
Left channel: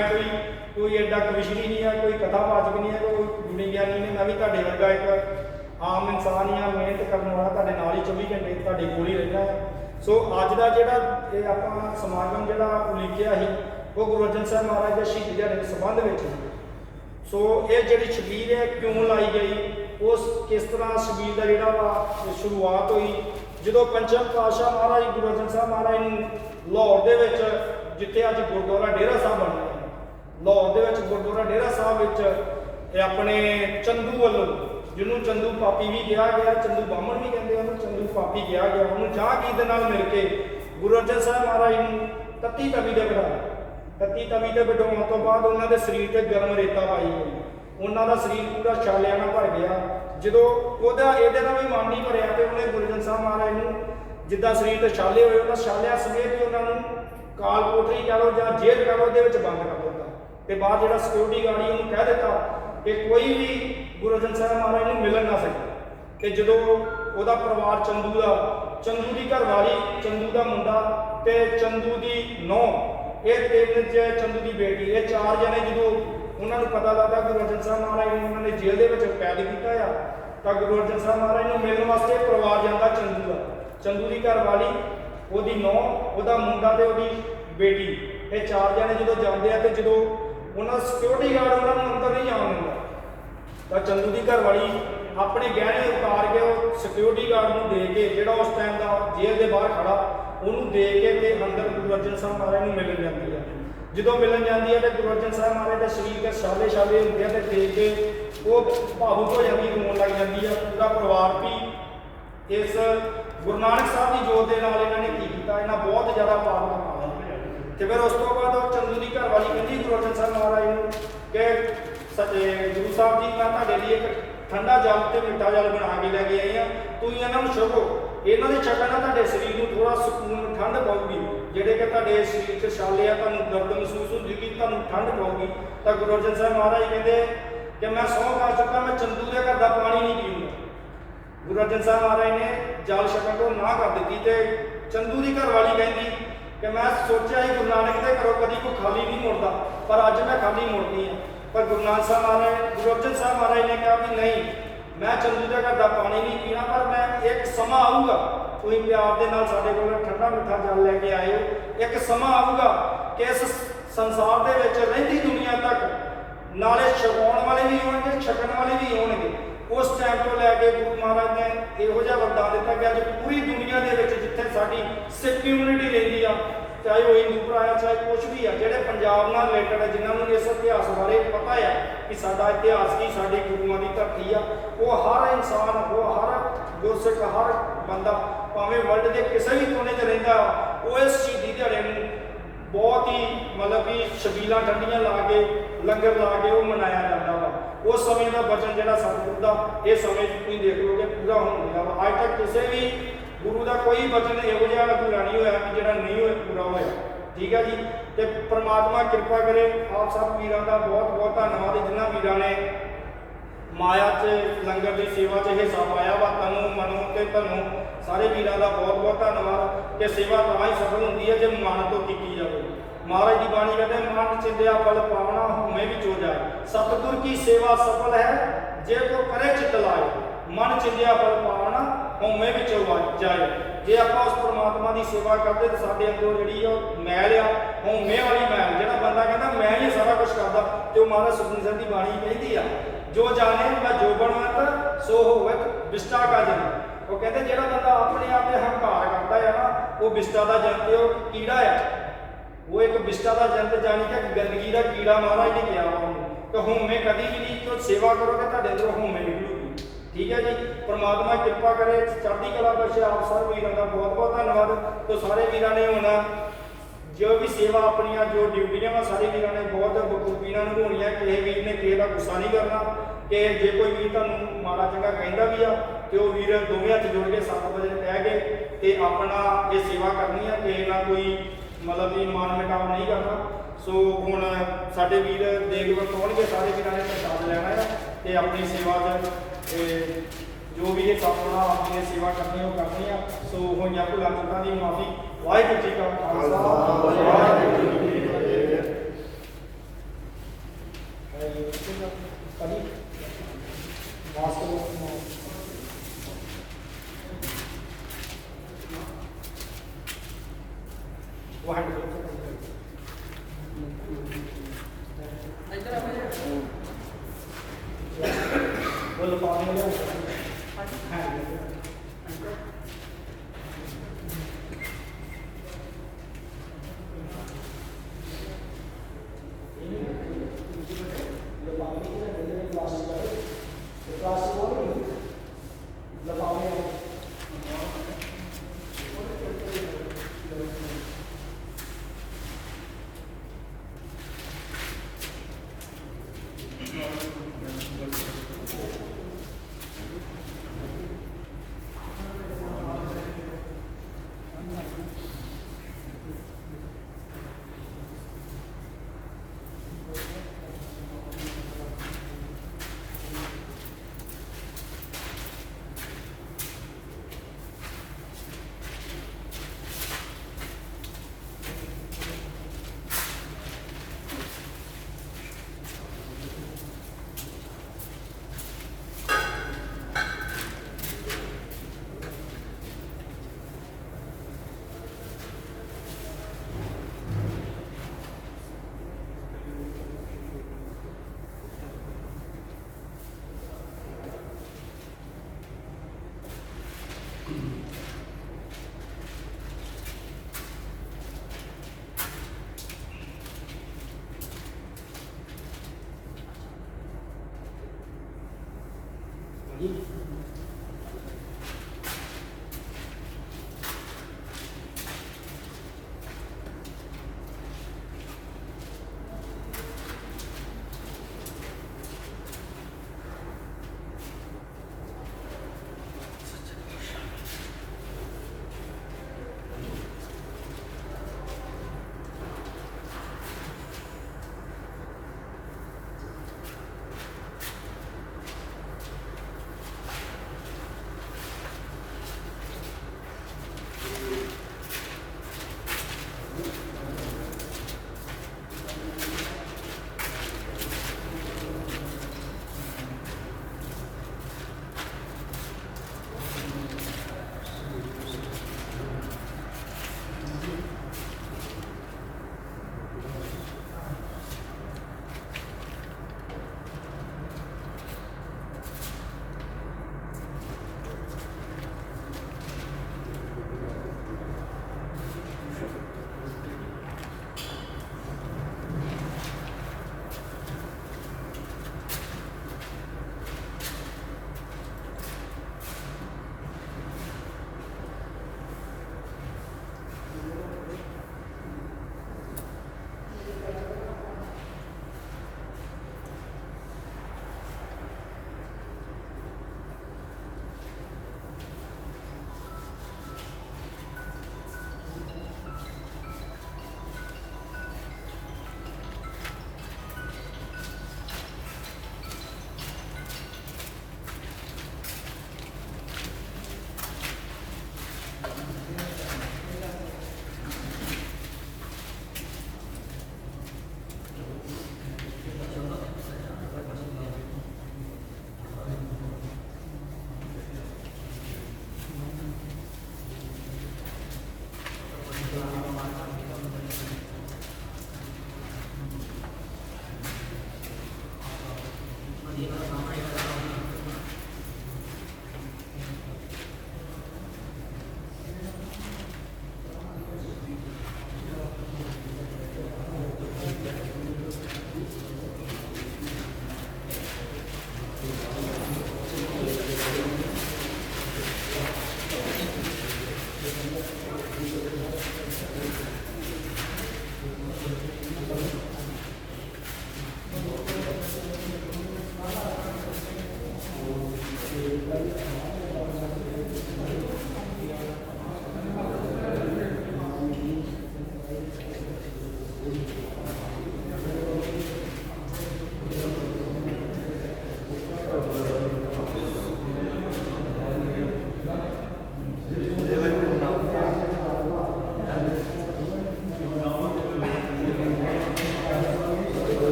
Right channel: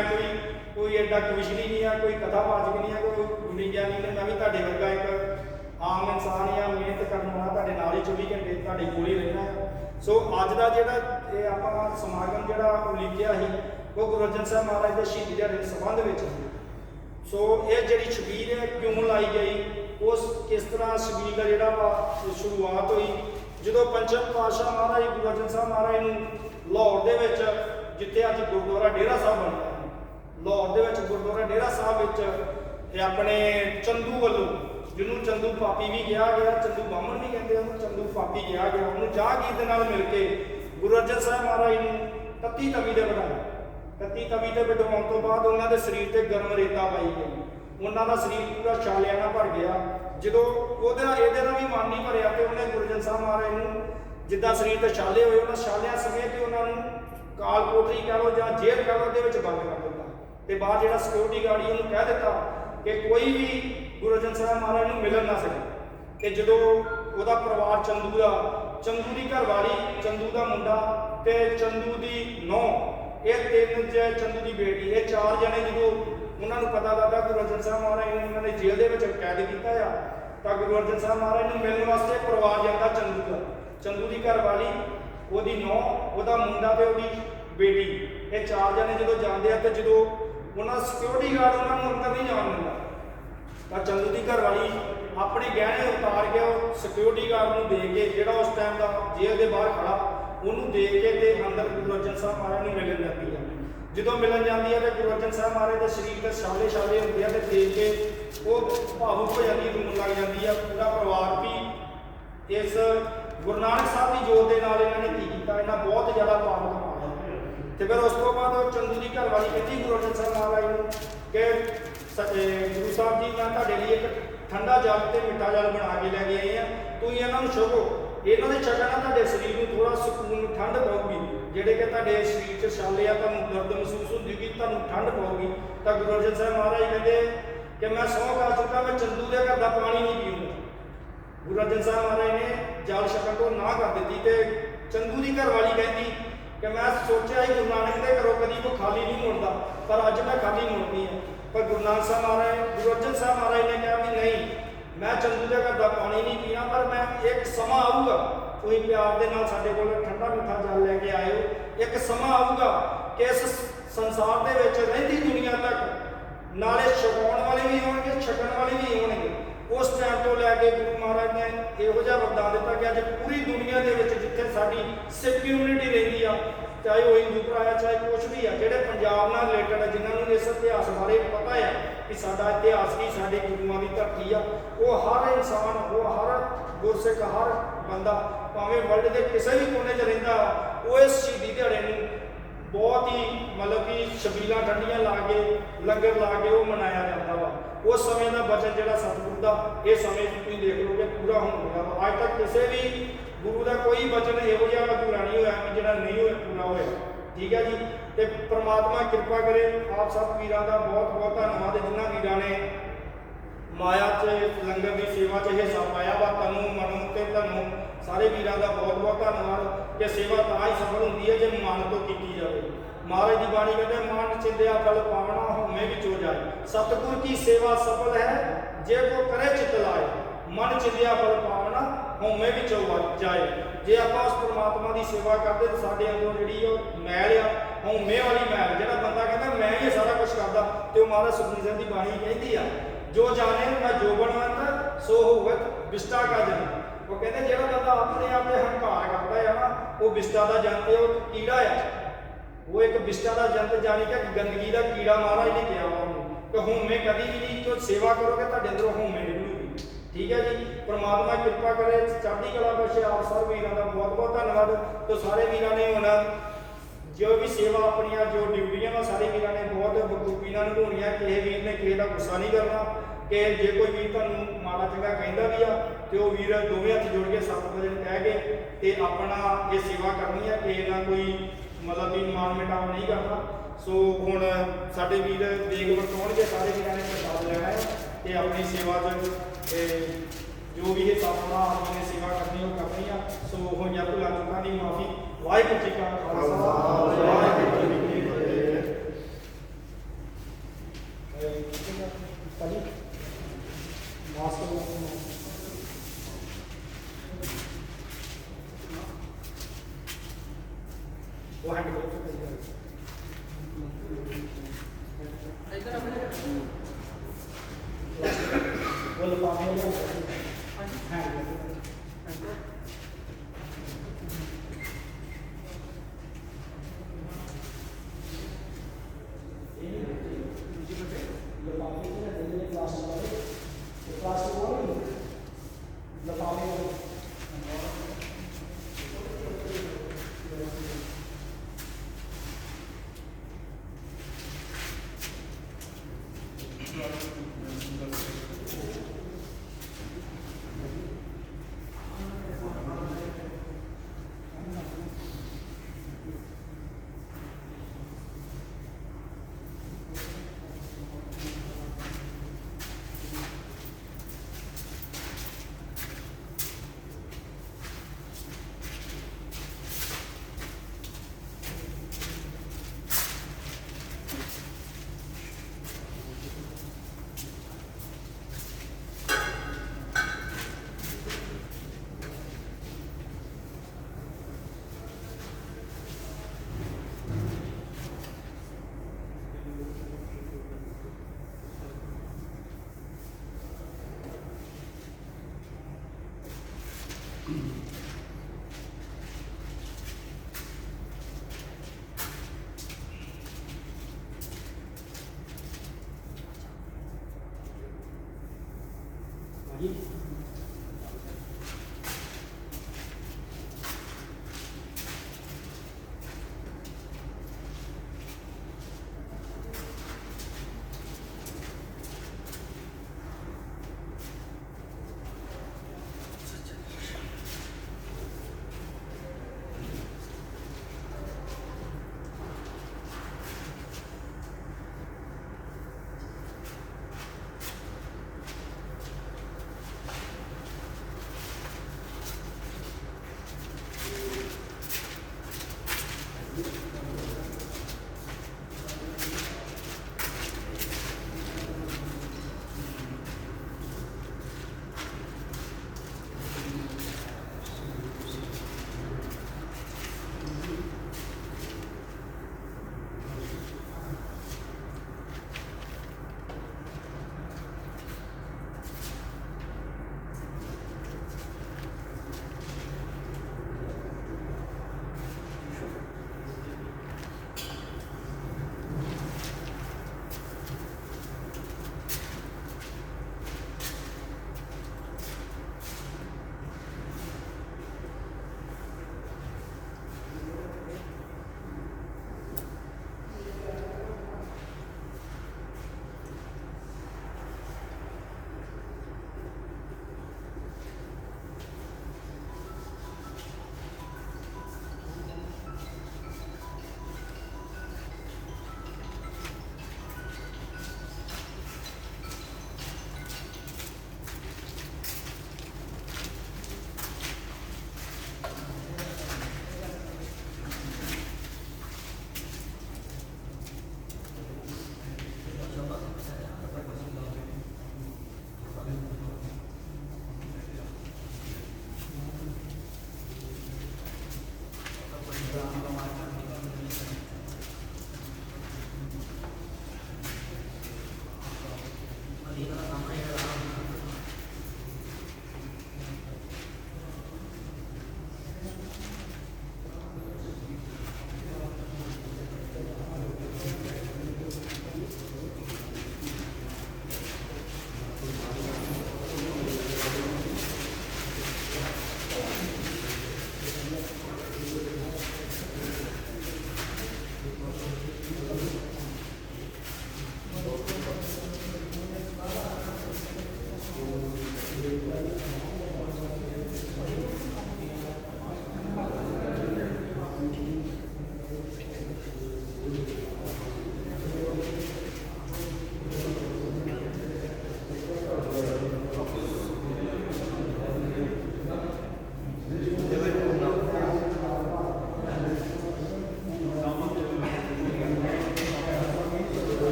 ਕੋਈ ਐਡਾ ਕਵਿਸ਼ਰੀ ਨਹੀਂ ਆ, ਕੋਈ ਕਥਾਵਾਚਕ ਨਹੀਂ ਆ, ਕੋਈ ਵਿਗਿਆਨੀ ਨਹੀਂ। ਮੈਂ ਵੀ ਤੁਹਾਡੇ ਵਰਗਾ ਇੱਕ ਆਮ ਇਨਸਾਨ ਹੀ ਆ, ਮਿਹਨਤ ਕਰਨ ਵਾਲਾ, ਤੁਹਾਡੇ ਨਾਲ ਹੀ 24 ਘੰਟੇ ਤੁਹਾਡੇ ਕੋਲ ਹੀ ਰਹਿੰਦਾ ਹੈ। ਸੋ ਅੱਜ ਦਾ ਜਿਹੜਾ ਇਹ ਆਪਾਂ ਸਮਾਗਮ ਜਿਹੜਾ ਉਲੀਕਿਆ ਸੀ ਉਹ ਗੁਰੂ ਅਰਜਨ ਸਾਹਿਬ ਮਹਾਰਾਜ ਦੇ ਸ਼ਹੀਦੀ ਦਿਹਾੜੇ ਦੇ ਸੰਬੰਧ ਵਿੱਚ ਸੀ। ਸੋ ਇਹ ਜਿਹੜੀ ਛਬੀਲ ਹੈ ਕਿਉਂ ਲਾਈ ਗਈ, ਉਸ ਕਿਸ ਤਰ੍ਹਾਂ ਛਬੀਲ ਦਾ ਜਿਹੜਾ ਵਾ ਸ਼ੁਰੂਆਤ ਹੋਈ, ਜਦੋਂ ਪੰਚਮ ਪਾਤਸ਼ਾਹ ਮਹਾਰਾਜ ਗੁਰੂ ਅਰਜਨ ਸਾਹਿਬ ਮਹਾਰਾਜ ਨੂੰ ਲਾਹੌਰ ਦੇ ਵਿੱਚ, ਜਿੱਥੇ ਅੱਜ ਗੁਰਦੁਆਰਾ ਡੇਰਾ ਸਾਹਿਬ ਬਣਿਆ ਹੈ, ਲਾਹੌਰ ਦੇ ਵਿੱਚ ਗੁਰਦੁਆਰਾ ਡੇਰਾ ਸਾਹਿਬ ਵਿੱਚ ਇਹ ਆਪਣੇ ਚੰਦੂ ਵੱਲੋਂ, ਜਿਹਨੂੰ ਚੰਦੂ ਪਾਪੀ ਵੀ ਕਿਹਾ ਗਿਆ, ਚੰਦੂ ਬਾਹਮਣ ਵੀ ਕਹਿੰਦੇ ਉਹਨੂੰ, ਚੰਦੂ ਪਾਪੀ ਕਿਹਾ ਗਿਆ, ਉਹਨੂੰ ਜਹਾਂਗੀਰ ਦੇ ਨਾਲ ਮਿਲ ਕੇ ਗੁਰੂ ਅਰਜਨ ਸਾਹਿਬ ਮਹਾਰਾਜ ਨੂੰ ਤੱਤੀ ਤਵੀ ਤੇ ਬਿਠਾਇਆ। ਤੱਤੀ ਤਵੀ ਤੇ ਬਿਠਾਉਣ ਤੋਂ ਬਾਅਦ ਉਹਨਾਂ ਦੇ ਸਰੀਰ ਤੇ ਗਰਮ ਰੇਤਾ ਪਾਈ ਗਈ। ਉਹਨਾਂ ਦਾ ਸਰੀਰ ਪੂਰਾ ਛਾਲਿਆਂ ਨਾਲ ਭਰ ਗਿਆ। ਜਦੋਂ ਉਹਦਾ ਇਹਦੇ ਨਾਲ ਵੀ ਮਨ ਨਹੀਂ ਭਰਿਆ ਤੇ ਉਹਨੇ ਗੁਰੂ ਅਰਜਨ ਸਾਹਿਬ ਮਹਾਰਾਜ ਨੂੰ ਜਿੱਦਾਂ ਸਰੀਰ ਤੇ ਛਾਲੇ ਹੋਏ ਉਹਨਾਂ ਛਾਲਿਆਂ ਸਮੇਤ ਹੀ ਉਹਨਾਂ ਨੂੰ ਕਾਲ ਕੋਠਰੀ ਕਹਿ ਲਓ ਜਾਂ ਜੇਲ੍ਹ ਕਹਿ ਲਓ ਦੇ ਵਿੱਚ ਬੰਦ ਕਰ ਦਿੱਤਾ। ਤੇ ਬਾਅਦ ਜਿਹੜਾ ਸਿਕਿਉਰਿਟੀ ਗਾਰਡ ਹੀ ਉਹਨੂੰ ਕਹਿ ਦਿੱਤਾ ਕਿ ਕੋਈ ਵੀ ਗੁਰੂ ਅਰਜਨ ਸਾਹਿਬ ਮਹਾਰਾਜ ਨੂੰ ਮਿਲਣ ਨਾ ਸਕੇ। ਤੇ ਜਦੋਂ ਉਹਦਾ ਪਰਿਵਾਰ ਚੰਦੂ ਦੀ ਘਰਵਾਲੀ, ਚੰਦੂ ਦਾ ਮੁੰਡਾ ਤੇ ਚੰਦੂ ਦੀ ਨੂੰਹ, ਇਹ ਤਿੰਨ ਚੰਦੂ ਦੀ ਬੇਟੀ, ਇਹ ਚਾਰ ਜਣੇ ਜਦੋਂ ਉਹਨਾਂ ਨੂੰ ਪਤਾ ਲੱਗਦਾ ਗੁਰੂ ਅਰਜਨ ਸਾਹਿਬ ਮਹਾਰਾਜ ਨੂੰ ਉਹਨਾਂ ਨੇ ਜੇਲ੍ਹ ਦੇ ਵਿੱਚ ਕੈਦ ਕੀਤਾ ਆ, ਤਾਂ ਗੁਰੂ ਅਰਜਨ ਸਾਹਿਬ ਮਹਾਰਾਜ ਨੂੰ ਮਿਲਣ ਵਾਸਤੇ ਪਰਿਵਾਰ ਜਾਂਦਾ ਚੰਦੂ ਦੀ ਘਰਵਾਲੀ, ਉਹਦੀ ਨੂੰਹ, ਉਹਦਾ ਮੁੰਡਾ ਤੇ ਉਹਦੀ ਬੇਟੀ, ਇਹ ਚਾਰ ਜਣੇ ਜਦੋਂ ਜਾਂਦੇ ਆ ਤੇ ਜਦੋਂ ਉਹਨਾਂ ਸਿਕਿਉਰਿਟੀ ਗਾਰਡ ਉਹਨਾਂ ਨੂੰ ਅੰਦਰ ਨਹੀਂ ਜਾਣ ਦਿੰਦਾ ਤਾਂ ਚੰਦੂ ਦੀ ਘਰਵਾਲੀ ਆਪਣੇ ਗਹਿਣੇ ਉਤਾਰ ਕੇ ਉਹ ਸਿਕਿਉਰਿਟੀ ਗਾਰਡ ਨੂੰ ਦੇ ਕੇ, ਜਿਹੜਾ ਉਸ ਟਾਈਮ ਦਾ ਜੇਲ੍ਹ ਦੇ ਬਾਹਰ ਖੜਾ, ਉਹਨੂੰ ਦੇ ਕੇ ਤੇ ਅੰਦਰ ਗੁਰੂ ਅਰਜਨ ਸਾਹਿਬ ਮਹਾਰਾਜ ਨੂੰ ਮਿਲਣ ਜਾਂਦੀ ਹੈ। ਜਦੋਂ ਮਿਲਣ ਜਾਂਦੀ ਹੈ ਤੇ ਗੁਰੂ ਅਰਜਨ ਸਾਹਿਬ ਮਹਾਰਾਜ ਦੇ ਸਰੀਰ ਦੇ ਛਾਲੇ ਹੁੰਦੇ ਆ ਤੇ ਦੇਖ ਕੇ ਉਹ ਭਾਵੁਕ ਹੋ ਜਾਂਦੀ, ਰੋਣ ਲੱਗ ਜਾਂਦੀ ਆ ਪੂਰਾ ਪਰਿਵਾਰ ਵੀ। ਇਸ ਗੁਰੂ ਨਾਨਕ ਸਾਹਿਬ ਦੀ ਜੋਤ ਦੇ ਨਾਲ ਇਹਨਾਂ ਨੇ ਕੀ ਕੀਤਾ, ਇਹਨਾਂ ਬਹੁਤ ਜ਼ਿਆਦਾ ਪਾਵਨ ਪਾਇਆ। ਤੇ ਫਿਰ ਉਸ ਤੋਂ ਬਾਅਦ ਉਹ ਚੰਦੂ ਦੀ ਘਰਵਾਲੀ ਕਹਿੰਦੀ ਗੁਰੂ ਅਰਜਨ ਸਾਹਿਬ ਮਹਾਰਾਜ ਨੂੰ ਕਿ ਗੁਰੂ ਸਾਹਿਬ ਜੀ, ਮੈਂ ਤੁਹਾਡੇ ਲਈ ਇੱਕ ਠੰਡਾ ਜਲ ਤੇ ਮਿੱਠਾ ਜਲ ਬਣਾ ਕੇ ਲੈ ਕੇ ਆਏ ਆ, ਤੁਸੀਂ ਇਹਨਾਂ ਨੂੰ ਛਕੋ। ਇਹਨਾਂ ਦੇ ਛਕਣ ਨਾਲ ਤੁਹਾਡੇ ਸਰੀਰ ਨੂੰ ਥੋੜਾ ਸਕੂਨ, ਠੰਡ ਪਾਊਗੀ। ਜਿਹੜੇ ਕਿ ਤੁਹਾਡੇ ਸਰੀਰ 'ਚ ਛਾਲੇ ਆ, ਤੁਹਾਨੂੰ ਦਰਦ ਮਹਿਸੂਸ ਹੁੰਦੀ, ਤੁਹਾਨੂੰ ਠੰਡ ਪਾਊਗੀ। ਤਾਂ ਗੁਰੂ ਅਰਜਨ ਸਾਹਿਬ ਮਹਾਰਾਜ ਕਹਿੰਦੇ ਕਿ ਮੈਂ ਸਹੁੰ ਖਾ ਚੁੱਕਾ, ਮੈਂ ਚੰਦੂ ਦੇ ਘਰ ਦਾ ਪਾਣੀ ਨਹੀਂ ਪੀਊਂਗਾ। ਗੁਰੂ ਅਰਜਨ ਸਾਹਿਬ ਮਹਾਰਾਜ ਨੇ ਜਲ ਛਕਣ ਤੋਂ ਨਾ ਕਰ ਦਿੱਤੀ ਤੇ ਚੰਦੂ ਦੀ ਘਰਵਾਲੀ ਕਹਿੰਦੀ ਕਿ ਮੈਂ ਸੋਚਿਆ ਸੀ ਗੁਰੂ ਨਾਨਕ ਦੇ ਘਰੋਂ ਕਦੀ ਕੋਈ ਖਾਲੀ ਨਹੀਂ ਮੁੜਦਾ, ਪਰ ਅੱਜ ਮੈਂ ਖਾਲੀ ਮੁੜਦੀ ਹਾਂ। ਪਰ ਗੁਰੂ ਨਾਨਕ ਸਾਹਿਬ ਮਹਾਰਾਜ, ਗੁਰੂ ਅਰਜਨ ਸਾਹਿਬ ਮਹਾਰਾਜ ਨੇ ਕਿਹਾ ਵੀ ਨਹੀਂ, ਮੈਂ ਚੰਦੂ ਦੇ ਘਰ ਦਾ ਪਾਣੀ ਨਹੀਂ ਪੀਣਾ, ਪਰ ਮੈਂ ਇੱਕ ਸਮਾਂ ਆਊਗਾ, ਤੁਸੀਂ ਪਿਆਰ ਦੇ ਨਾਲ ਸਾਡੇ ਕੋਲ ਠੰਡਾ ਮਿੱਠਾ ਜਲ ਲੈ ਕੇ ਆਏ ਹੋ। ਇੱਕ ਸਮਾਂ ਆਊਗਾ ਕਿ ਇਸ ਸੰਸਾਰ ਦੇ ਵਿੱਚ ਰਹਿੰਦੀ ਦੁਨੀਆ ਤੱਕ ਨਾਲੇ ਛਕਾਉਣ ਵਾਲੇ ਵੀ ਹੋਣਗੇ, ਛਕਣ ਵਾਲੇ ਵੀ ਹੋਣਗੇ। ਉਸ ਟਾਈਮ ਤੋਂ ਲੈ ਕੇ ਗੁਰੂ ਮਹਾਰਾਜ ਨੇ ਇਹੋ ਜਿਹਾ ਵਰਦਾਨ ਦਿੱਤਾ ਕਿ ਅੱਜ ਪੂਰੀ ਦੁਨੀਆ ਦੇ ਵਿੱਚ ਜਿੱਥੇ ਸਾਡੀ ਸਿੱਖ ਕਮਿਊਨਿਟੀ ਰਹਿੰਦੀ ਆ, ਚਾਹੇ ਉਹ ਹਿੰਦੂ ਭਰਾ ਆ, ਚਾਹੇ ਕੁਛ ਵੀ ਆ, ਜਿਹੜੇ ਪੰਜਾਬ ਨਾਲ ਰਿਲੇਟਡ ਹੈ, ਜਿਨ੍ਹਾਂ ਨੂੰ ਇਸ ਇਤਿਹਾਸ ਬਾਰੇ ਪਤਾ ਆ ਕਿ ਸਾਡਾ ਇਤਿਹਾਸ ਕੀ, ਸਾਡੇ ਗੁਰੂਆਂ ਦੀ ਧਰਤੀ ਆ, ਉਹ ਹਰ ਇਨਸਾਨ, ਉਹ ਹਰ ਗੁਰਸਿੱਖ, ਹਰ ਬੰਦਾ ਭਾਵੇਂ ਵਰਲਡ ਦੇ ਕਿਸੇ ਵੀ ਕੋਨੇ 'ਚ ਰਹਿੰਦਾ, ਉਹ ਇਸ ਸ਼ਹੀਦੀ ਦਿਹਾੜੇ ਨੂੰ ਬਹੁਤ ਹੀ ਮਤਲਬ ਕਿ ਛਬੀਲਾਂ ਠੰਡੀਆਂ ਲਾ ਕੇ, ਲੰਗਰ ਲਾ ਕੇ ਉਹ ਮਨਾਇਆ ਜਾਂਦਾ ਵਾ। ਉਸ ਸਮੇਂ ਦਾ ਬਚਨ ਜਿਹੜਾ ਸਤਿਗੁਰੂ ਦਾ, ਇਹ ਸਮੇਂ ਤੁਸੀਂ ਦੇਖ ਲਓਗੇ ਪੂਰਾ ਹੋਣ ਗਿਆ ਵਾ। ਅੱਜ ਤੱਕ ਕਿਸੇ ਵੀ ਗੁਰੂ ਦਾ ਕੋਈ ਬਚਨ ਇਹੋ ਜਿਹਾ ਅਧੂਰਾ ਨਹੀਂ ਹੋਇਆ ਕਿ ਜਿਹੜਾ ਨਹੀਂ ਹੋਇਆ, ਪੂਰਾ ਹੋਇਆ। ਠੀਕ ਹੈ ਜੀ। ਤੇ ਪ੍ਰਮਾਤਮਾ ਕਿਰਪਾ ਕਰੇ। ਆਪ ਸਭ ਵੀਰਾਂ ਦਾ ਬਹੁਤ ਬਹੁਤ ਧੰਨਵਾਦ, ਜਿਨ੍ਹਾਂ ਵੀਰਾਂ ਨੇ ਮਾਇਆ 'ਚ ਲੰਗਰ ਦੀ ਸੇਵਾ 'ਚ ਹਿੱਸਾ ਪਾਇਆ ਵਾ। ਤਨੂੰ ਮਨੋਂ ਤੇ ਤੁਹਾਨੂੰ ਸਾਰੇ ਵੀਰਾਂ ਦਾ ਬਹੁਤ ਬਹੁਤ ਧੰਨਵਾਦ। ਕਿ ਸੇਵਾ ਤਾਂ ਹੀ ਸਫਲ ਹੁੰਦੀ ਹੈ ਜੇ ਮਨ ਤੋਂ ਕੀਤੀ ਜਾਵੇ। ਮਹਾਰਾਜ ਦੀ ਬਾਣੀ ਕਹਿੰਦੇ, ਮਨ ਚਿੰਦਿਆ ਫਲ ਪਾਵਣਾ, ਹਉਮੈ ਵਿੱਚੋਂ ਜਾਏ। ਸਤਿਗੁਰ ਕੀ ਸੇਵਾ ਸਫਲ ਹੈ ਜੇ ਕੋ ਕਰੇ ਚਿਤ ਲਾਏ। ਮਨ ਚਿੰਦਿਆ ਫਲ ਪਾਵਣਾ, ਹਉਮੈ ਵਿੱਚੋਂ ਜਾਏ। ਜੇ ਆਪਾਂ ਉਸ ਪ੍ਰਮਾਤਮਾ ਦੀ ਸੇਵਾ ਕਰਦੇ ਤਾਂ ਸਾਡੇ ਅੰਦਰੋਂ ਜਿਹੜੀ ਉਹ ਮੈਲ ਆ, ਹਉਮੈ ਵਾਲੀ ਮੈਲ, ਜਿਹੜਾ ਬੰਦਾ ਕਹਿੰਦਾ ਮੈਂ ਹੀ ਸਾਰਾ ਕੁਝ ਕਰਦਾ, ਤੇ ਉਹ ਮਹਾਰਾਜ ਸੁਖਮਨੀ ਸਾਹਿਬ ਦੀ ਬਾਣੀ ਕਹਿੰਦੀ ਆ, ਜੋ ਜਾਣੇ ਮੈਂ ਜੋ ਬਣਵੰਤ ਸੋ ਹੋਵਤ ਬਿਸਟਾ ਕਾ ਜਨ। ਉਹ ਕਹਿੰਦੇ ਜਿਹੜਾ ਬੰਦਾ ਆਪਣੇ ਆਪ ਤੇ ਹੰਕਾਰ ਕਰਦਾ ਹੈ ਨਾ, ਉਹ ਬਿਸਟਾ ਦਾ ਜੰਤ, ਉਹ ਕੀੜਾ ਆ, ਉਹ ਇੱਕ ਬਿਸਟਾ ਦਾ ਜੰਤ, ਜਾਣੀ ਕਿ ਗੰਦਗੀ ਦਾ ਕੀੜਾ ਮਹਾਰਾਜ ਨੇ ਕਿਹਾ ਉਹਨੂੰ। ਕਿ ਹਉਮੈ ਕਦੀ ਵੀ ਨਹੀਂ, ਜੋ ਸੇਵਾ ਕਰੋਗੇ ਤੁਹਾਡੇ ਅੰਦਰੋਂ ਹਉਮੈ ਨਿਕਲੂਗੀ। ਠੀਕ ਹੈ ਜੀ। ਪਰਮਾਤਮਾ ਕਿਰਪਾ ਕਰੇ, ਚੜ੍ਹਦੀ ਕਲਾ ਬਖਸ਼ੇ। ਆਪ ਸਾਰੇ ਵੀਰਾਂ ਦਾ ਬਹੁਤ ਬਹੁਤ ਧੰਨਵਾਦ। ਤੇ ਸਾਰੇ ਵੀਰਾਂ ਨੇ ਹੁਣ ਜੋ ਵੀ ਸੇਵਾ ਆਪਣੀਆਂ ਜੋ ਡਿਊਟੀਆਂ ਵਾ, ਸਾਰੇ ਵੀਰਾਂ ਨੇ ਬਹੁਤ ਬਖੂਬੀ ਨਾਲ ਨਿਭਾਉਣੀਆਂ। ਕਿਸੇ ਵੀਰ ਨੇ ਕਿਸੇ ਦਾ ਗੁੱਸਾ ਨਹੀਂ ਕਰਨਾ। ਕਿ ਜੇ ਕੋਈ ਵੀਰ ਤੁਹਾਨੂੰ ਮਾੜਾ ਚੰਗਾ ਕਹਿੰਦਾ ਵੀ ਆ ਤੇ ਉਹ ਵੀਰ ਦੋਵੇਂ ਹੱਥ ਜੋੜ ਕੇ 7 ਵਜੇ ਕਹਿ ਕੇ ਤੇ ਆਪਣਾ ਇਹ ਸੇਵਾ ਕਰਨੀ ਆ। ਕਿਸੇ ਨਾਲ ਕੋਈ ਮਤਲਬ ਵੀ ਮਾਨ ਮਿਟਾਵ ਨਹੀਂ ਕਰਨਾ। ਸੋ ਹੁਣ ਸਾਡੇ ਵੀਰ ਦੇਗ ਵਰਤਾਉਣਗੇ, ਸਾਰੇ ਵੀਰਾਂ ਨੇ ਪ੍ਰਸ਼ਾਦ ਲੈਣਾ ਆ ਤੇ ਆਪਣੀ ਸੇਵਾ 'ਚ ਜੋ ਵੀ ਇਹ ਆਪਣਾ ਆਪਣੀ ਸੇਵਾ ਕਰਨੀ ਉਹ ਕਰਨੀ ਆ। ਸੋ ਹੋਈਆਂ ਭੁੱਲਾਂ ਚੁੱਕਾਂ ਦੀ ਮਾਫੀ। ਵਾਹਿਗੁਰੂ ਜੀ ਕਾ ਖਾਲਸਾ, ਵਾਹਿਗੁਰੂ ਜੀ ਕੀ ਫਤਿਹ। ਭਾਜੀ ਵਾਸਤਵ वो पानी ਜੀ